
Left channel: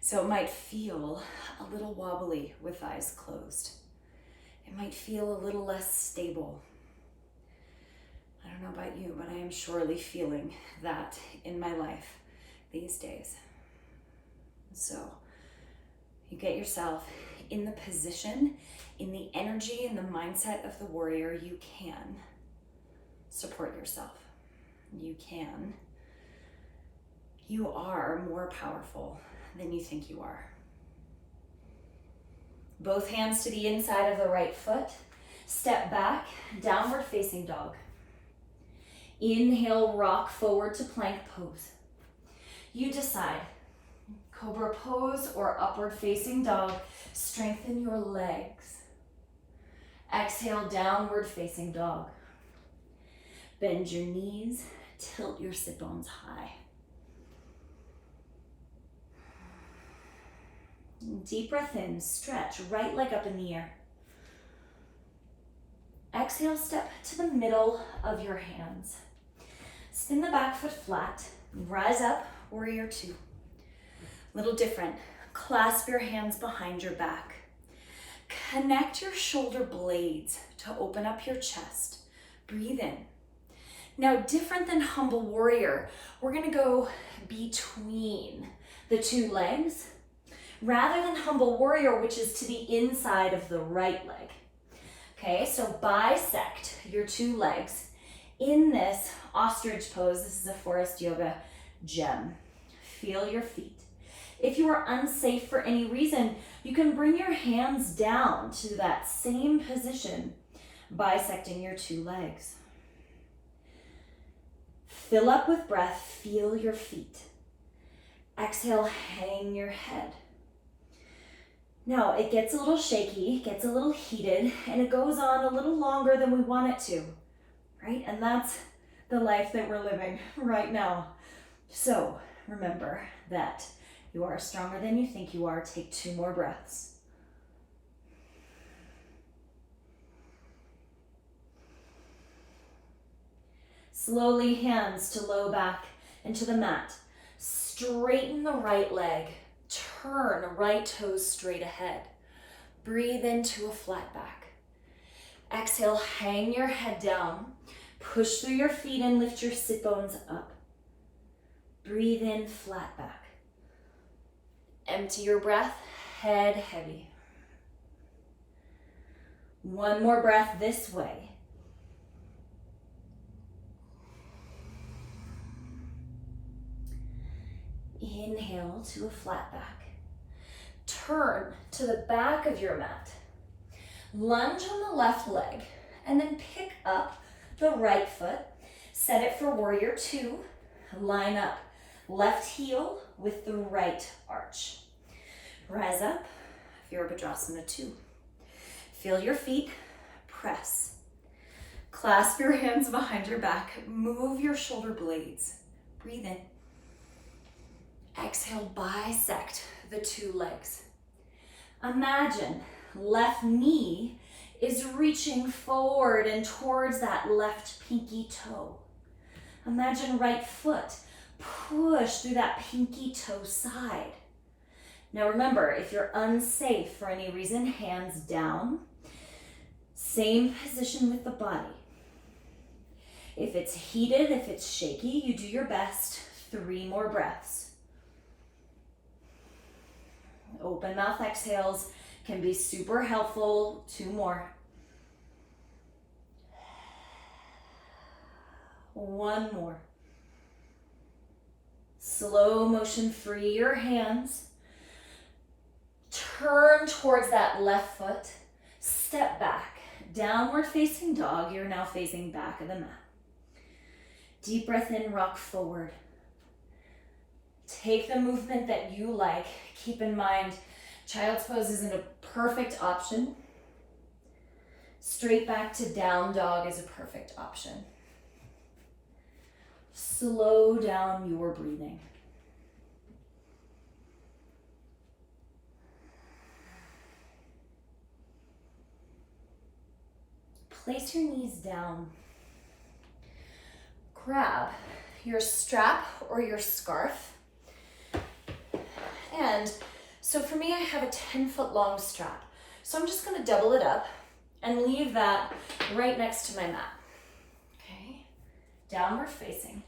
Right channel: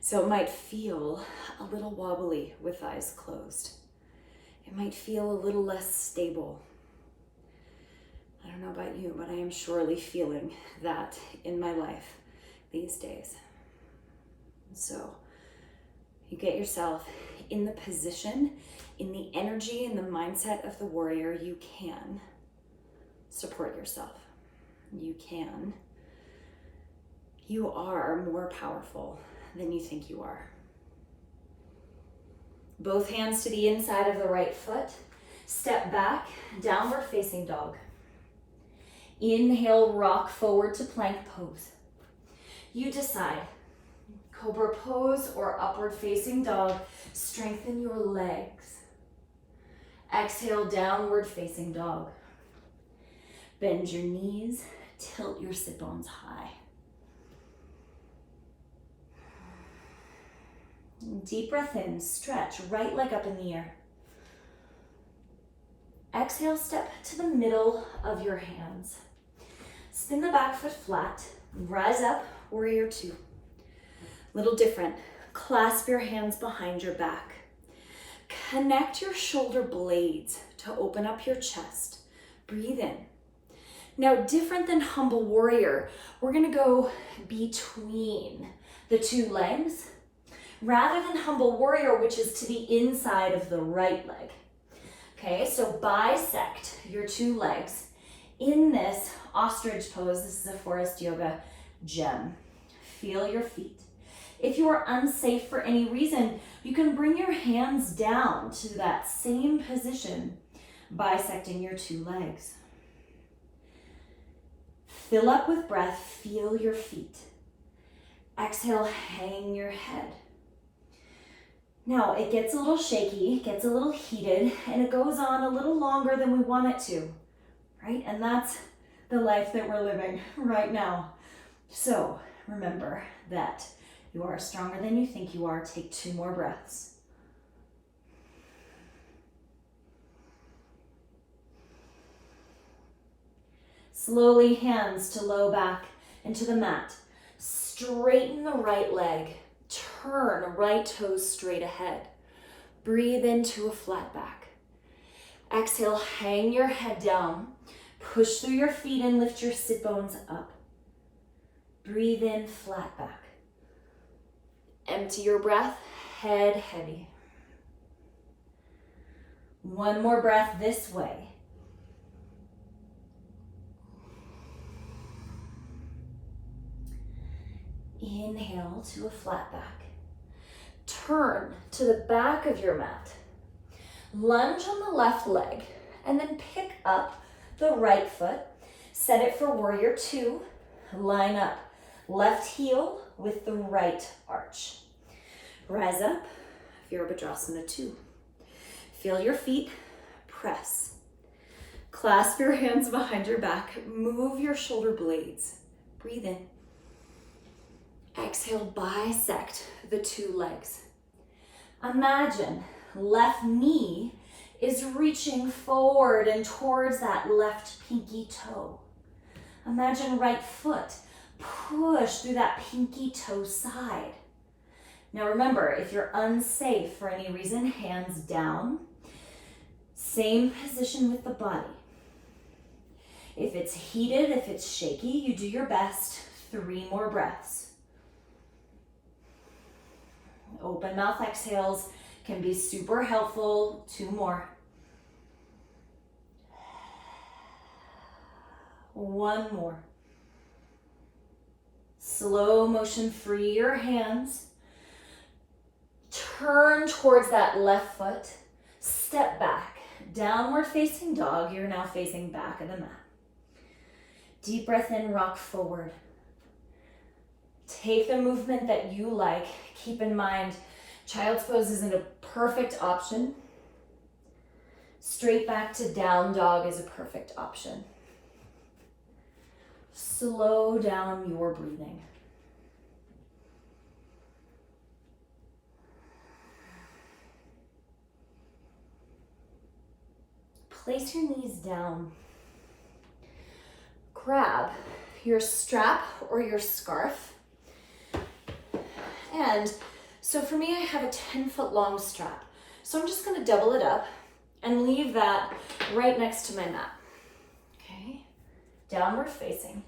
So it might feel a little wobbly with eyes closed. It might feel a little less stable. I don't know about you, but I am surely feeling that in my life these days. So you get yourself in the position, in the energy, in the mindset of the warrior. You can support yourself. You can. You are more powerful than you think you are. Both hands to the inside of the right foot. Step back, downward facing dog. Inhale, rock forward to plank pose. You decide, cobra pose or upward facing dog. Strengthen your legs. Exhale, downward facing dog. Bend your knees, tilt your sit bones high. Deep breath in, stretch, right leg up in the air. Exhale, step to the middle of your hands. Spin the back foot flat, rise up, warrior two. Little different, clasp your hands behind your back. Connect your shoulder blades to open up your chest. Breathe in. Now, different than humble warrior, we're gonna go between the two legs, rather than humble warrior, which is to the inside of the right leg. Okay, so bisect your two legs in this ostrich pose. This is a forest yoga gem. Feel your feet. If you are unsafe for any reason, you can bring your hands down to that same position, bisecting your two legs. Fill up with breath, feel your feet. Exhale, hang your head. Now, it gets a little shaky, gets a little heated, and it goes on a little longer than we want it to, right? And that's the life that we're living right now. So remember that you are stronger than you think you are. Take 2 more breaths. Slowly, hands to low back and to the mat. Straighten the right leg. Turn right toes straight ahead. Breathe into a flat back. Exhale, hang your head down. Push through your feet and lift your sit bones up. Breathe in, flat back. Empty your breath, head heavy. 1 more breath this way. Inhale to a flat back. Turn to the back of your mat. Lunge on the left leg and then pick up the right foot. Set it for warrior two. Line up left heel with the right arch. Rise up, Virabhadrasana 2. Feel your feet, press. Clasp your hands behind your back. Move your shoulder blades. Breathe in. Exhale, bisect the two legs. Imagine left knee is reaching forward and towards that left pinky toe. Imagine right foot push through that pinky toe side. Now remember, if you're unsafe for any reason, hands down. Same position with the body. If it's heated, if it's shaky, you do your best. 3 more breaths. Open mouth exhales can be super helpful. 2 more. 1 more. Slow motion, free your hands. Turn towards that left foot. Step back. Downward facing dog. You're now facing back of the mat. Deep breath in, rock forward. Take the movement that you like. Keep in mind, child's pose isn't a perfect option. Straight back to down dog is a perfect option. Slow down your breathing. Place your knees down. Grab your strap or your scarf. And so for me, I have a 10-foot long strap. So I'm just gonna double it up and leave that right next to my mat. Okay, downward facing.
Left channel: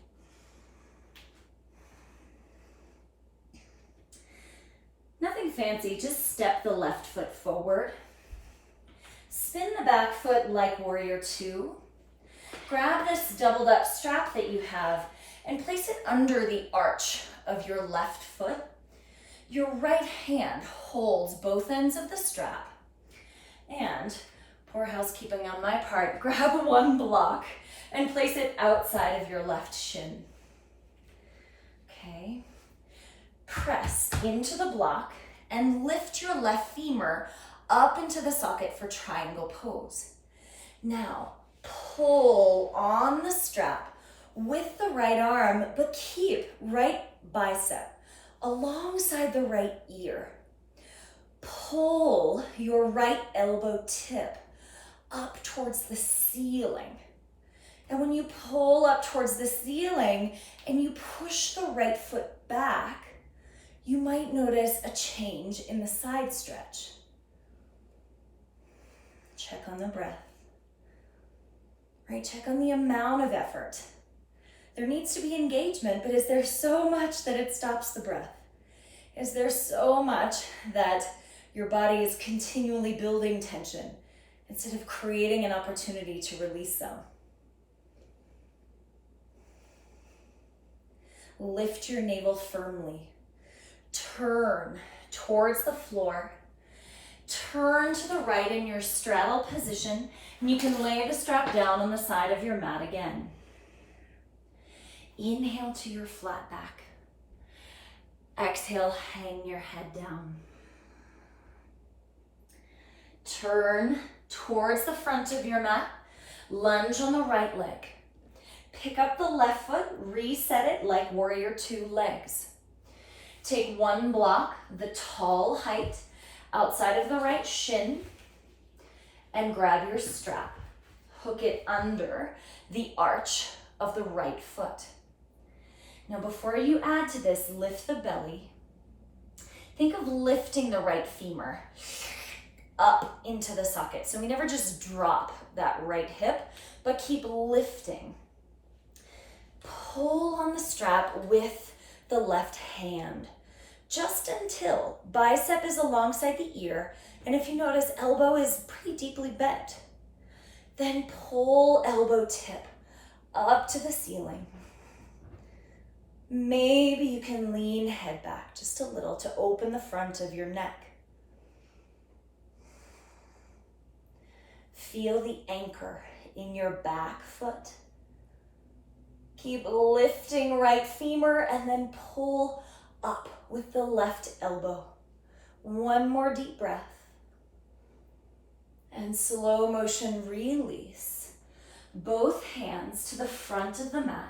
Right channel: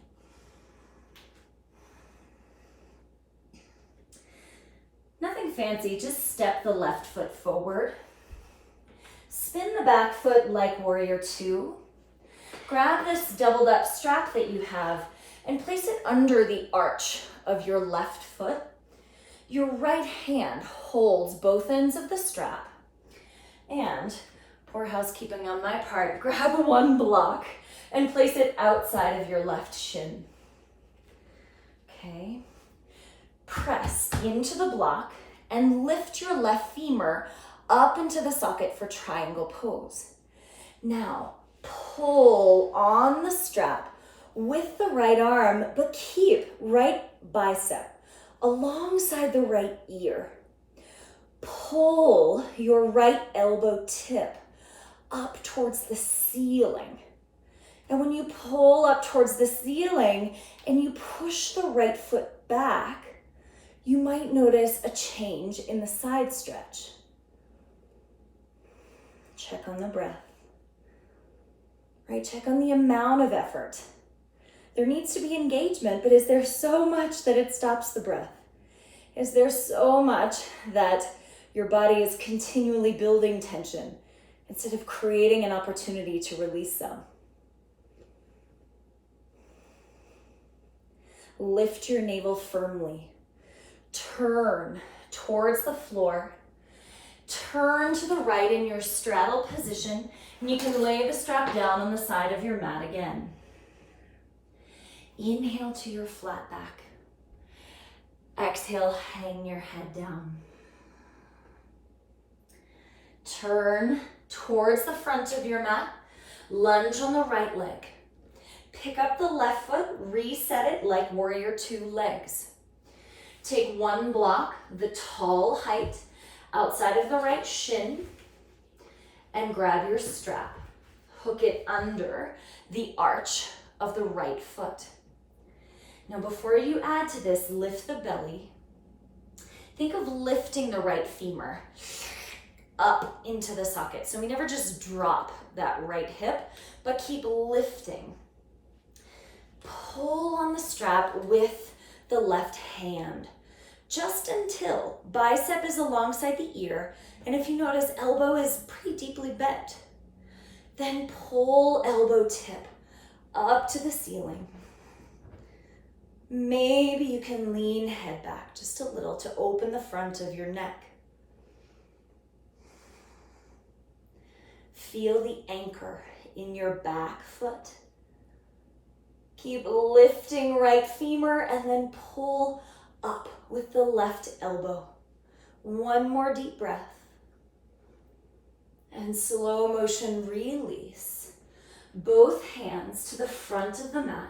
Nothing fancy, just step the left foot forward. Spin the back foot like warrior two. Grab this doubled up strap that you have and place it under the arch of your left foot. Your right hand holds both ends of the strap, and, poor housekeeping on my part, grab one block and place it outside of your left shin. Okay. Press into the block and lift your left femur up into the socket for triangle pose. Now, pull on the strap with the right arm, but keep right bicep alongside the right ear. Pull your right elbow tip up towards the ceiling. And when you pull up towards the ceiling and you push the right foot back, you might notice a change in the side stretch. Check on the breath. Right, check on the amount of effort. There needs to be engagement, but is there so much that it stops the breath? Is there so much that your body is continually building tension instead of creating an opportunity to release some? Lift your navel firmly. Turn towards the floor. Turn to the right in your straddle position, and you can lay the strap down on the side of your mat again. Inhale to your flat back. Exhale, hang your head down. Turn towards the front of your mat. Lunge on the right leg. Pick up the left foot, reset it like warrior two legs. Take one block, the tall height, outside of the right shin, and grab your strap. Hook it under the arch of the right foot. Now, before you add to this, lift the belly. Think of lifting the right femur up into the socket. So we never just drop that right hip, but keep lifting. Pull on the strap with the left hand, just until bicep is alongside the ear, and if you notice, elbow is pretty deeply bent. Then pull elbow tip up to the ceiling. Maybe you can lean head back just a little to open the front of your neck. Feel the anchor in your back foot. Keep lifting right femur and then pull up with the left elbow. One more deep breath. And slow motion release. Both hands to the front of the mat.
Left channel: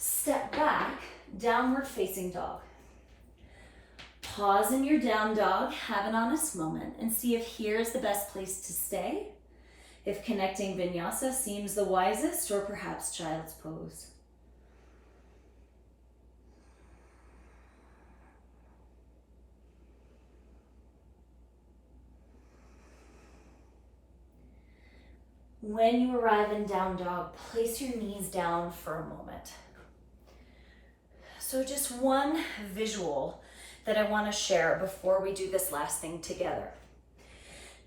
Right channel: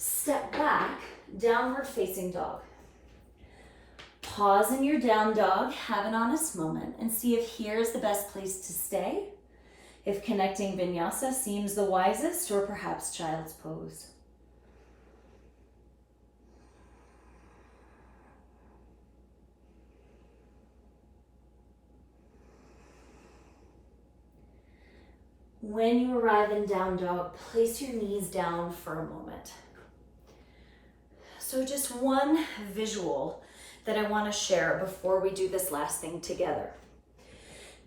Step back, downward facing dog. Pause in your down dog, have an honest moment, and see if here is the best place to stay. If connecting vinyasa seems the wisest, or perhaps child's pose. When you arrive in down dog, place your knees down for a moment. So just one visual that I want to share before we do this last thing together.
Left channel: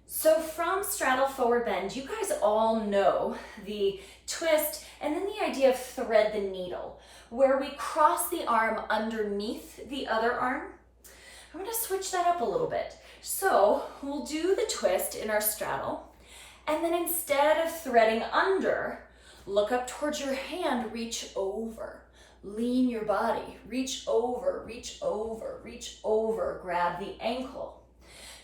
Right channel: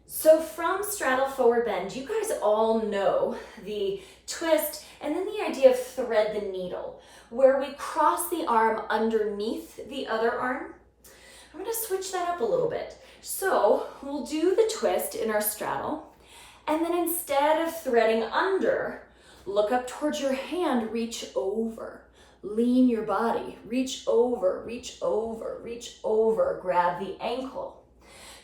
So from straddle forward bend, you guys all know the twist and then the idea of thread the needle, where we cross the arm underneath the other arm. I'm going to switch that up a little bit. So we'll do the twist in our straddle, and then instead of threading under, look up towards your hand, reach over. Lean your body, reach over, reach over, reach over, grab the ankle.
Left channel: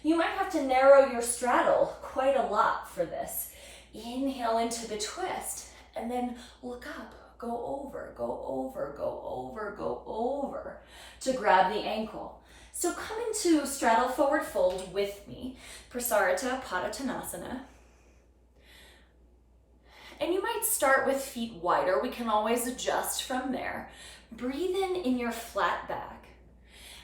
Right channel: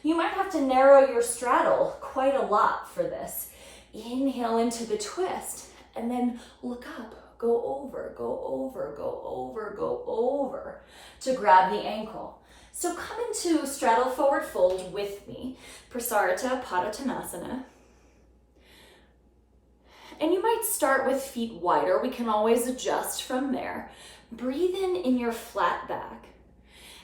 You might have to narrow your straddle quite a lot for this. Inhale into the twist and then look up, go over, go over, go over, go over to grab the ankle. So come into straddle forward fold with me, Prasarita Padottanasana. And you might start with feet wider. We can always adjust from there. Breathe in your flat back.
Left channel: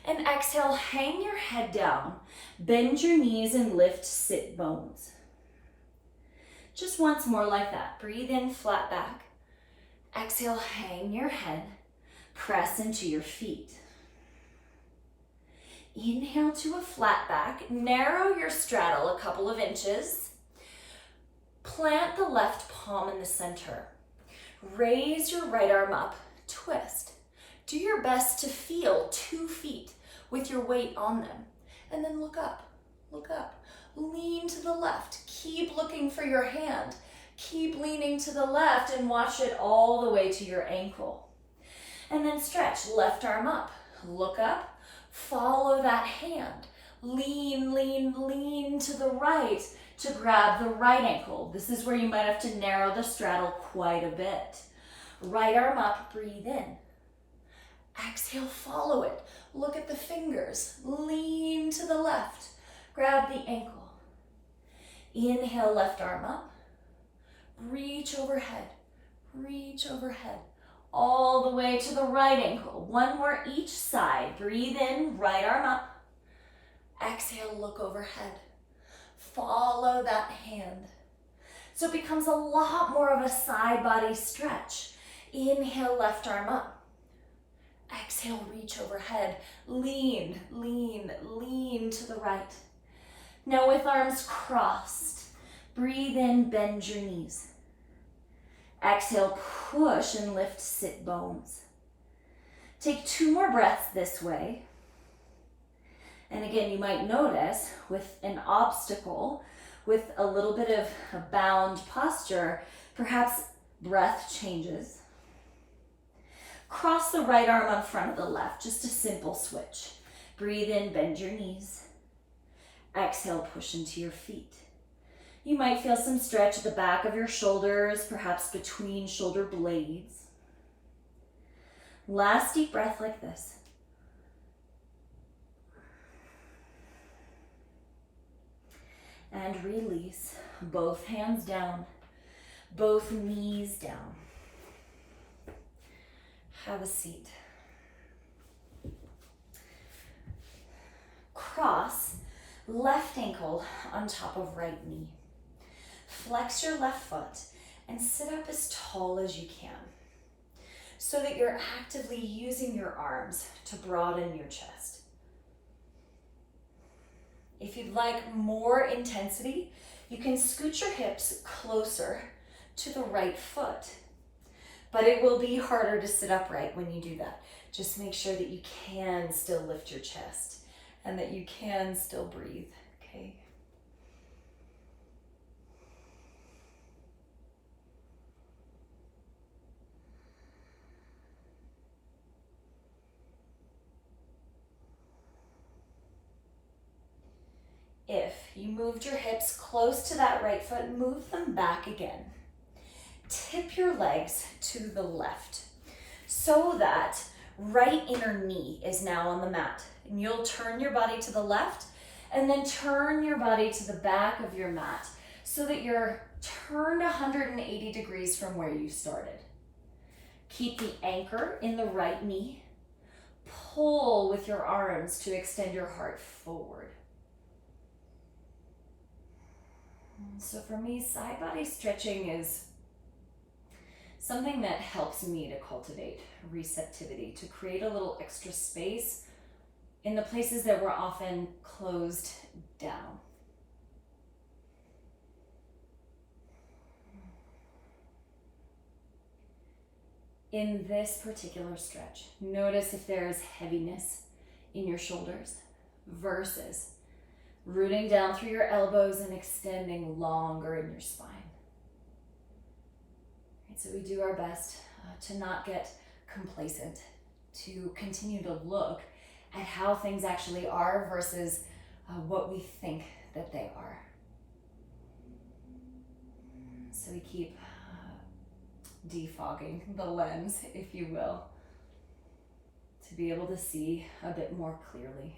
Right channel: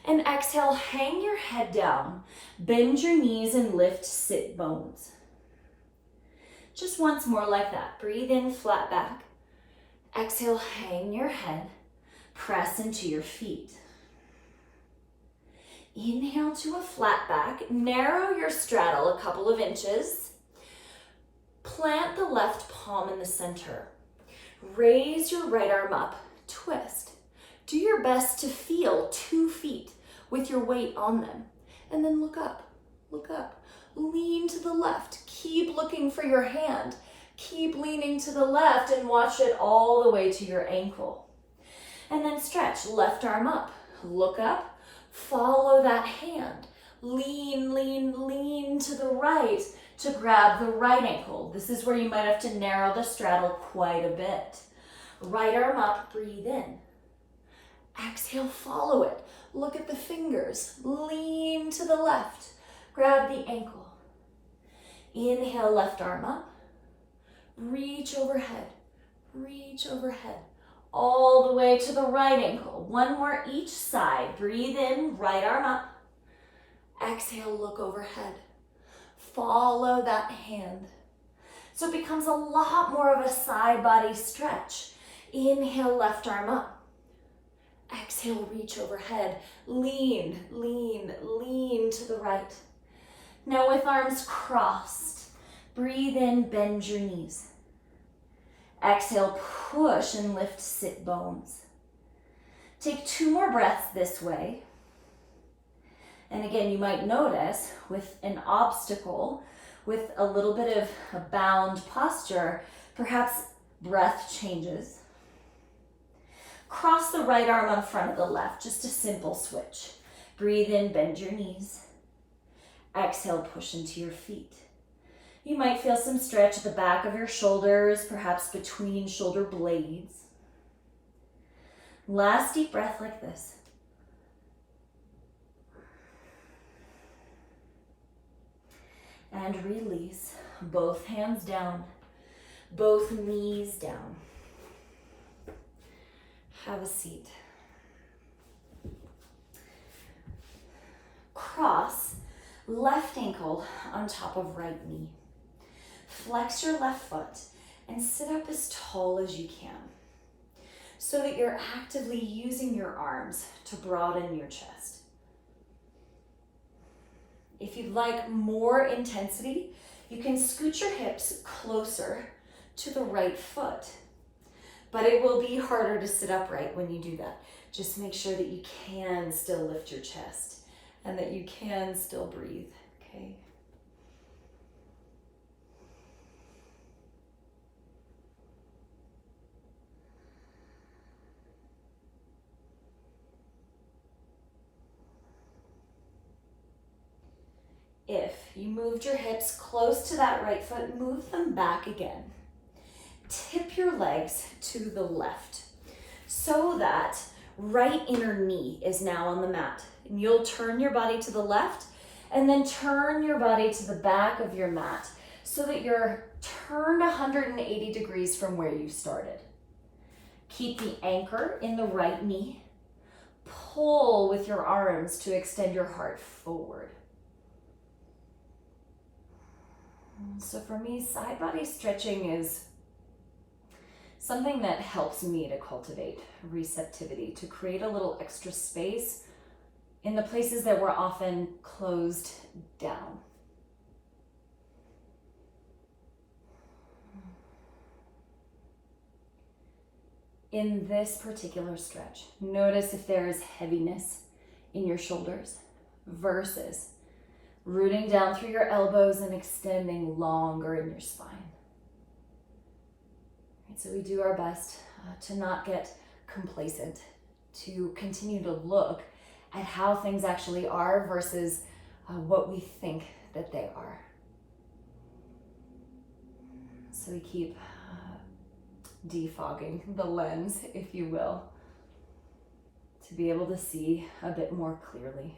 And exhale, hang your head down. Bend your knees and lift sit bones. Just once more like that. Breathe in, flat back. Exhale, hang your head. Press into your feet. Inhale to a flat back. Narrow your straddle a couple of inches. Plant the left palm in the center. Raise your right arm up, twist. Do your best to feel 2 feet with your weight on them. And then look up, look up. Lean to the left. Keep looking for your hand. Keep leaning to the left and watch it all the way to your ankle. And then stretch, left arm up. Look up, follow that hand. Lean, lean, lean to the right to grab the right ankle. This is where you might have to narrow the straddle quite a bit. Right arm up, breathe in. Exhale, follow it. Look at the fingers. Lean to the left. Grab the ankle. Inhale, left arm up. Reach overhead. Reach overhead. All the way to the right ankle. One more each side. Breathe in, right arm up. Exhale, look overhead. Follow that hand. So it becomes a lot more of a side body stretch. Inhale, left arm up. Exhale, reach overhead. Lean, lean, lean to the right. Now with arms crossed, breathe in, bend your knees. Exhale, push and lift sit bones. Take 2 more breaths this way. And again, you might notice with an obstacle, with a little bit of a bound posture, perhaps breath changes. Cross the right arm in front of the left, just a simple switch. Breathe in, bend your knees. Exhale, push into your feet. You might feel some stretch at the back of your shoulders, perhaps between shoulder blades. Last deep breath like this. And release. Both hands down, both knees down. Have a seat. Cross left ankle on top of right knee. Flex your left foot and sit up as tall as you can so that you're actively using your arms to broaden your chest. If you'd like more intensity, you can scoot your hips closer to the right foot. But it will be harder to sit upright when you do that. Just make sure that you can still lift your chest and that you can still breathe, okay? If you moved your hips close to that right foot, move them back again. Tip your legs to the left so that right inner knee is now on the mat. And you'll turn your body to the left and then turn your body to the back of your mat so that you're turned 180 degrees from where you started. Keep the anchor in the right knee. Pull with your arms to extend your heart forward. So for me, side body stretching is something that helps me to cultivate receptivity, to create a little extra space in the places that were often closed down. In this particular stretch, notice if there is heaviness in your shoulders versus rooting down through your elbows and extending longer in your spine. So we do our best to not get complacent, to continue to look at how things actually are versus what we think that they are. So we keep defogging the lens, if you will, to be able to see a bit more clearly.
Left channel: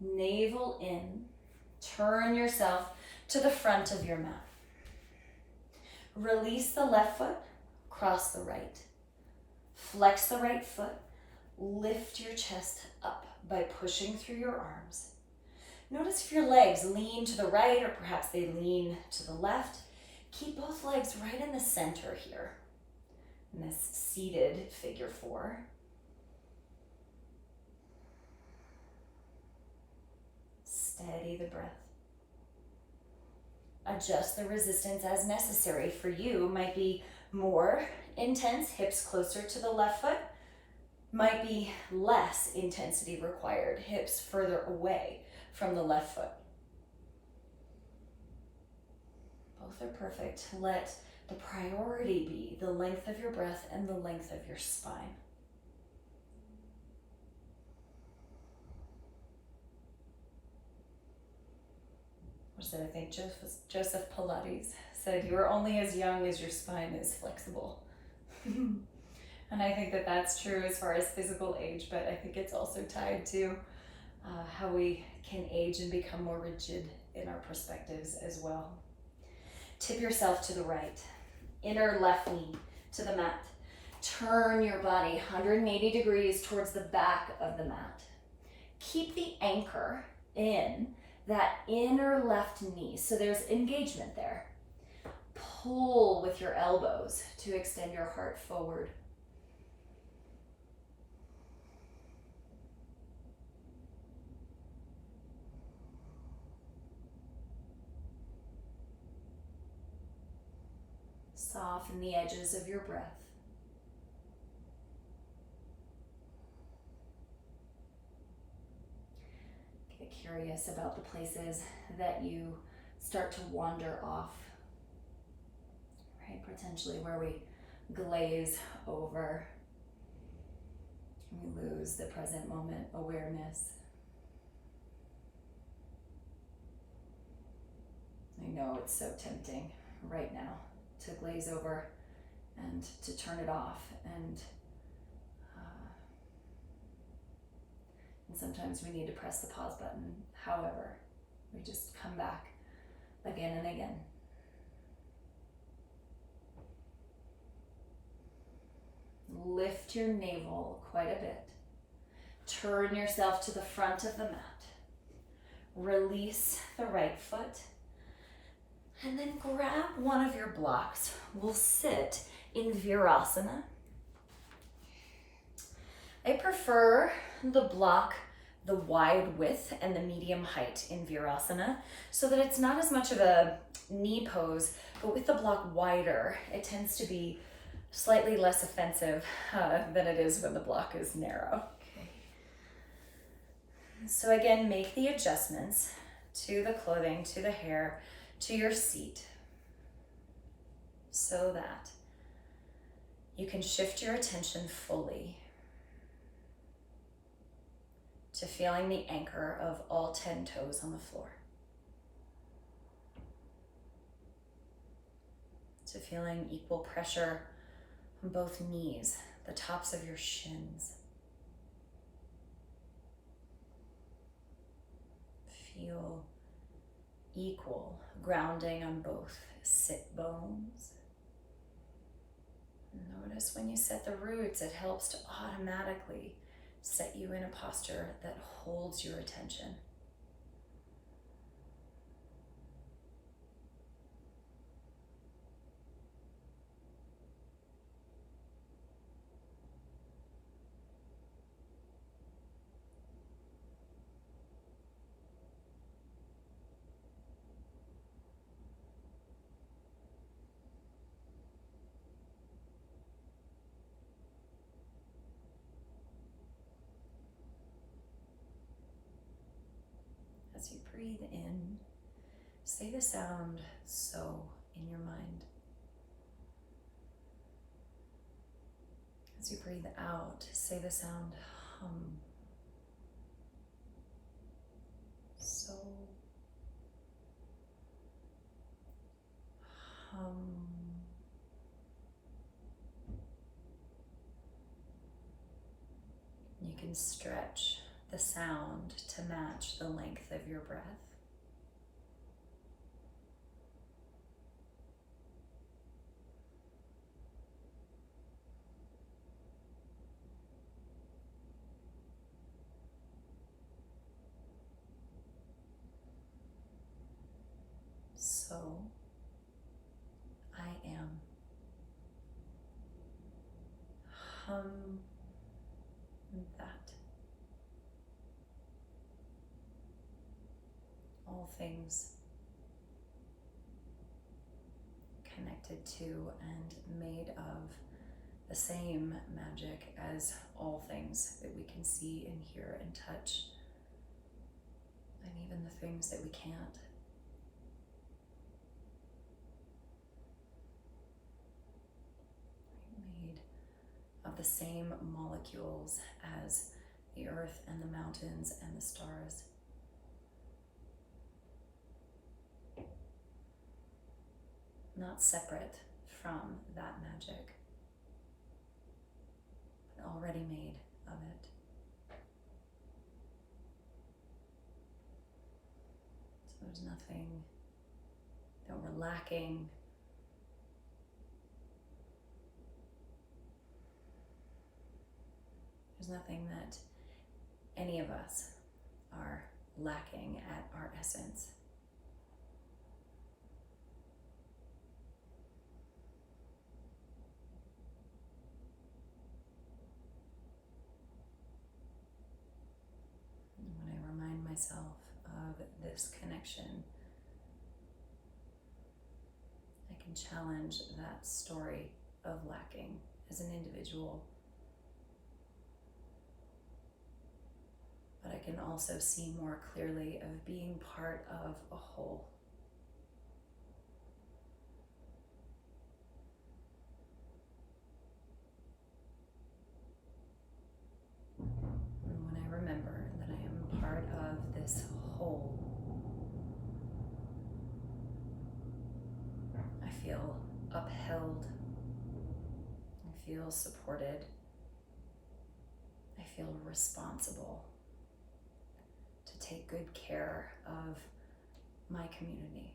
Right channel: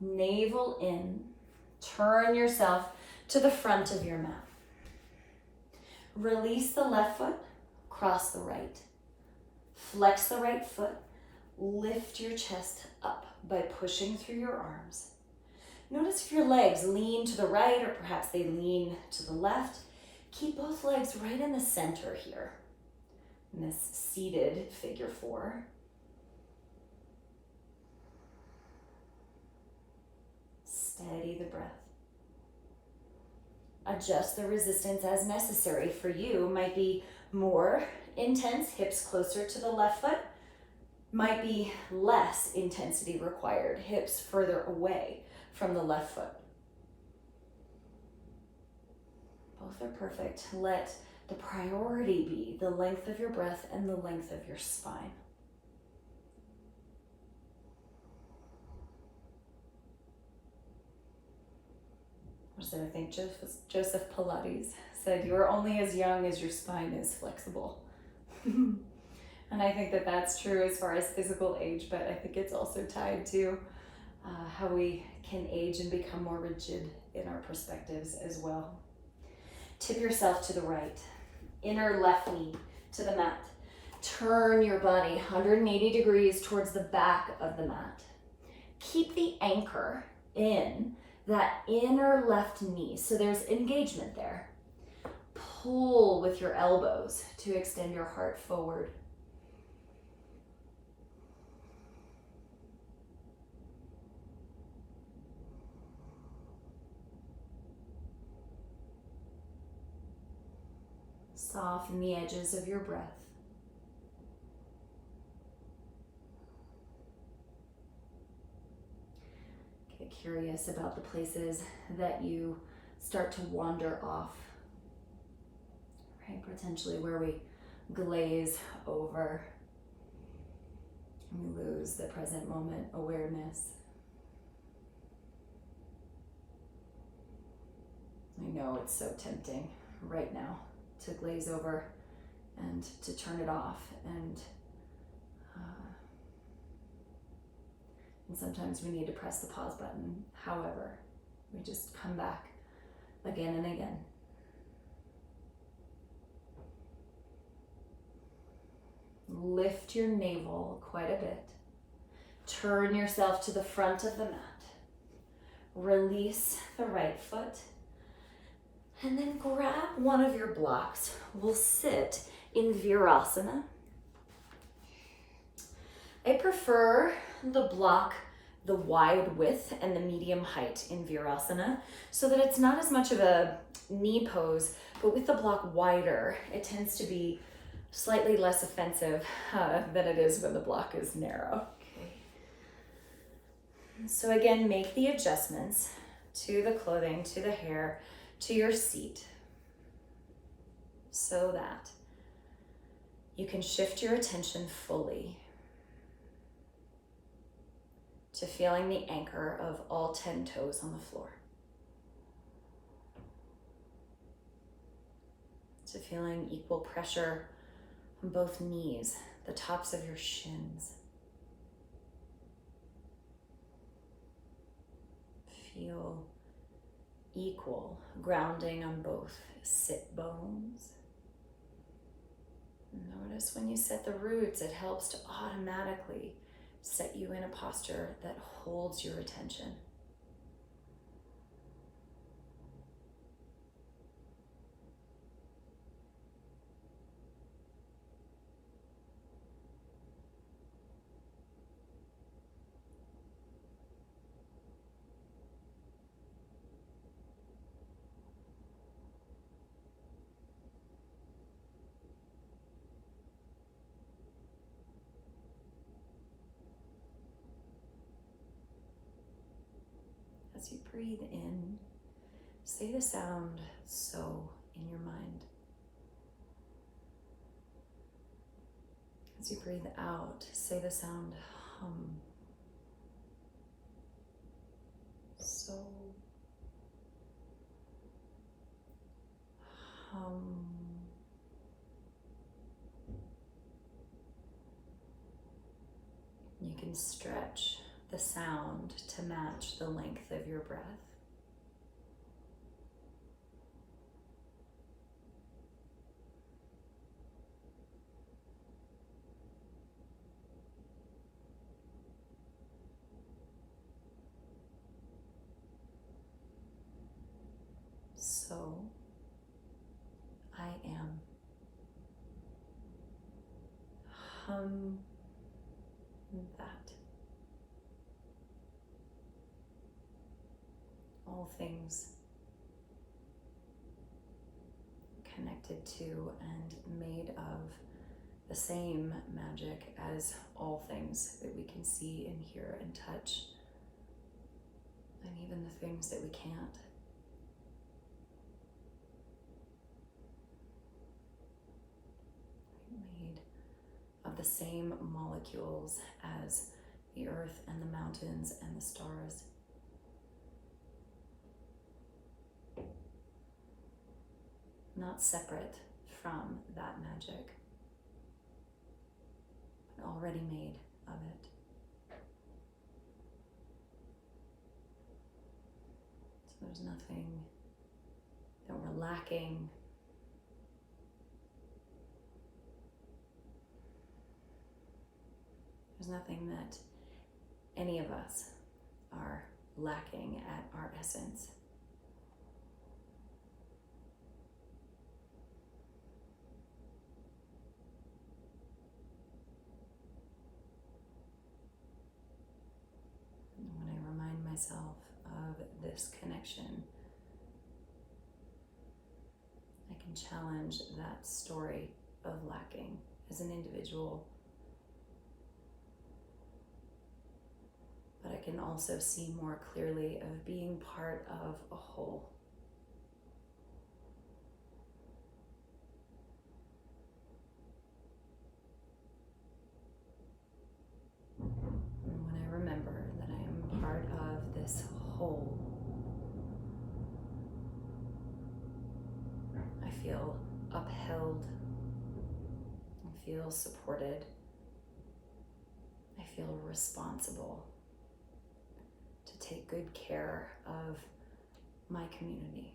Navel in, turn yourself to the front of your mat. Release the left foot, cross the right. Flex the right foot, lift your chest up by pushing through your arms. Notice if your legs lean to the right or perhaps they lean to the left. Keep both legs right in the center here, in this seated figure 4. Steady the breath. Adjust the resistance as necessary. For you, might be more intense, hips closer to the left foot, might be less intensity required, hips further away from the left foot. Both are perfect. Let the priority be the length of your breath and the length of your spine. What is it? I think Joseph Pilates said, you are only as young as your spine is flexible. And I think that that's true as far as physical age, but I think it's also tied to how we can age and become more rigid in our perspectives as well. Tip yourself to the right, inner left knee to the mat. Turn your body 180 degrees towards the back of the mat. Keep the anchor in that inner left knee, so there's engagement there. Pull with your elbows to extend your heart forward. Soften the edges of your breath. Get curious about the places that you start to wander off, right? Potentially where we glaze over and we lose the present moment awareness. I know it's so tempting right now to glaze over and to turn it off, and sometimes we need to press the pause button. However, we just come back again and again. Lift your navel quite a bit. Turn yourself to the front of the mat. Release the right foot. And then grab one of your blocks. We'll sit in Virasana. I prefer the block, the wide width and the medium height in Virasana, so that it's not as much of a knee pose, but with the block wider, it tends to be slightly less offensive than it is when the block is narrow. Okay. So again, make the adjustments to the clothing, to the hair, to your seat, so that you can shift your attention fully to feeling the anchor of all 10 toes on the floor, to feeling equal pressure on both knees, the tops of your shins. Feel equal grounding on both sit bones. Notice when you set the roots, it helps to automatically set you in a posture that holds your attention. As you breathe in, say the sound "so" in your mind. As you breathe out, say the sound "hum." So, hum. You can stretch the sound to match the length of your breath. So, I am. Hum that. All things connected to and made of the same magic as all things that we can see and hear and touch, and even the things that we can't. Made of the same molecules as the earth and the mountains and the stars. Not separate from that magic, but already made of it. So there's nothing that we're lacking. There's nothing that any of us are lacking at our essence. When I remind myself of this connection, I can challenge that story of lacking as an individual. But I can also see more clearly of being part of a whole. And when I remember that I am part of this whole, I feel upheld, I feel supported, I feel responsible to take good care of my community.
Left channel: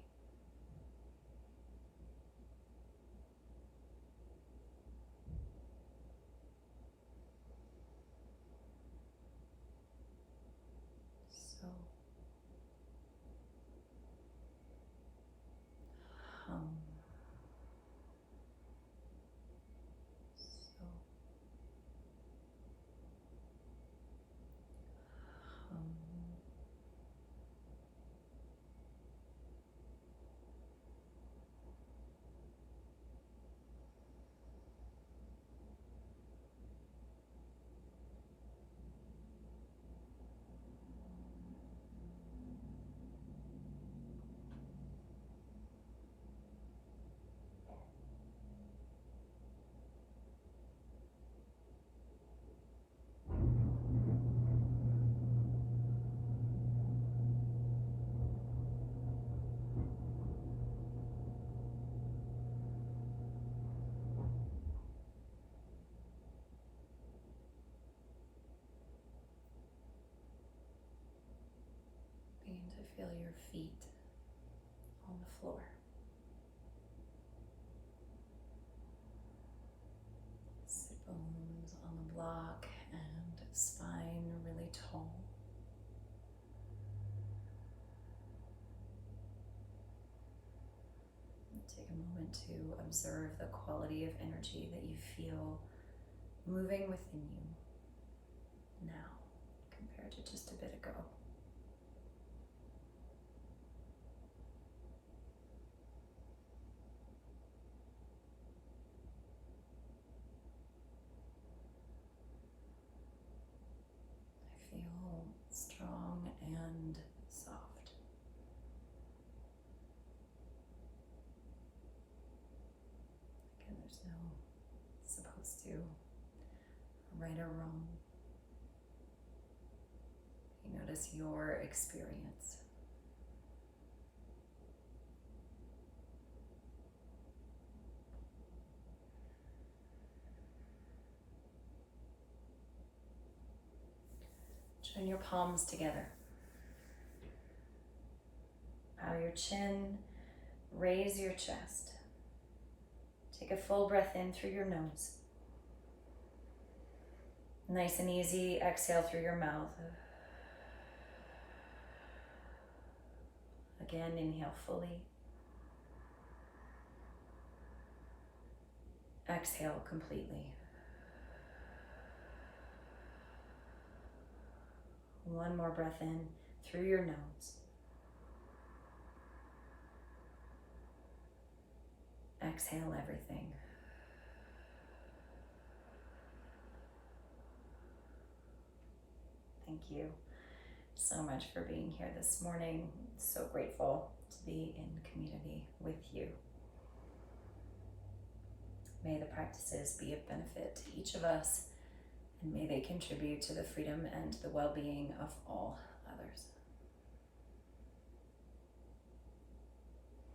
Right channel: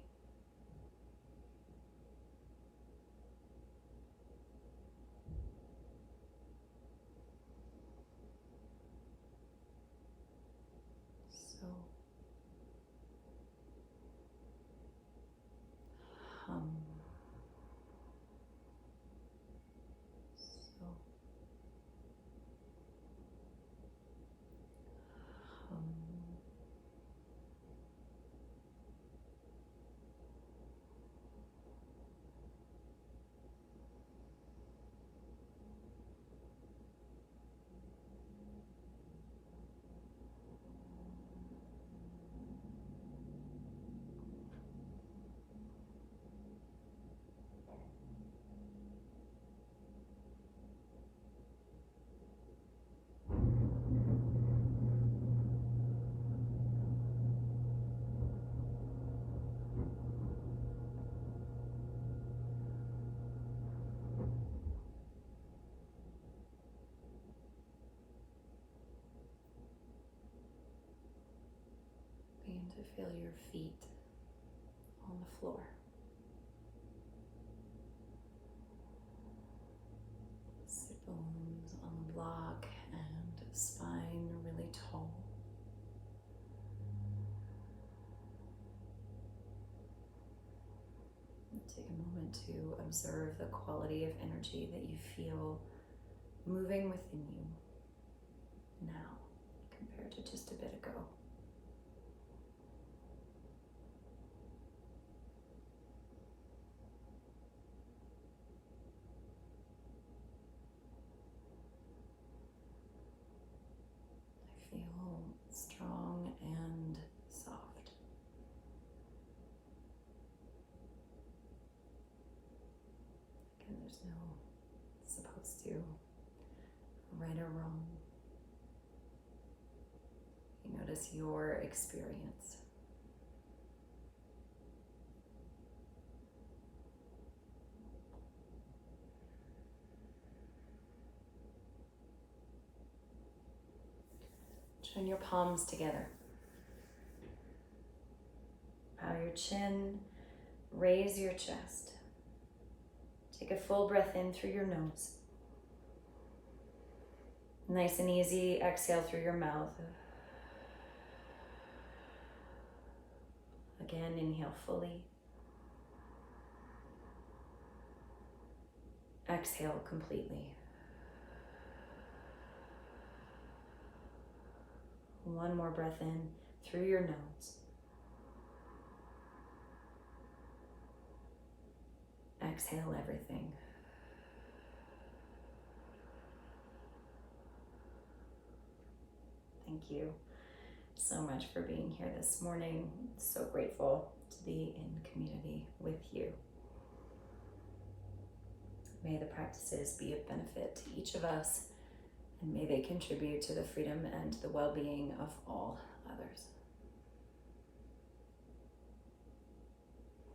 So, hum. So, hum. Begin to feel your feet on the floor. Sit bones on the block and spine really tall. Take a moment to observe the quality of energy that you feel moving within you now compared to just a bit ago. I feel strong and soft. Again, there's no supposed to right or wrong. You notice your experience. Join your palms together. Bow your chin, raise your chest. Take a full breath in through your nose. Nice and easy, exhale through your mouth. Again, inhale fully. Exhale completely. One more breath in through your nose. Exhale everything. Thank you so much for being here this morning. So grateful to be in community with you. May the practices be of benefit to each of us, and may they contribute to the freedom and the well-being of all others.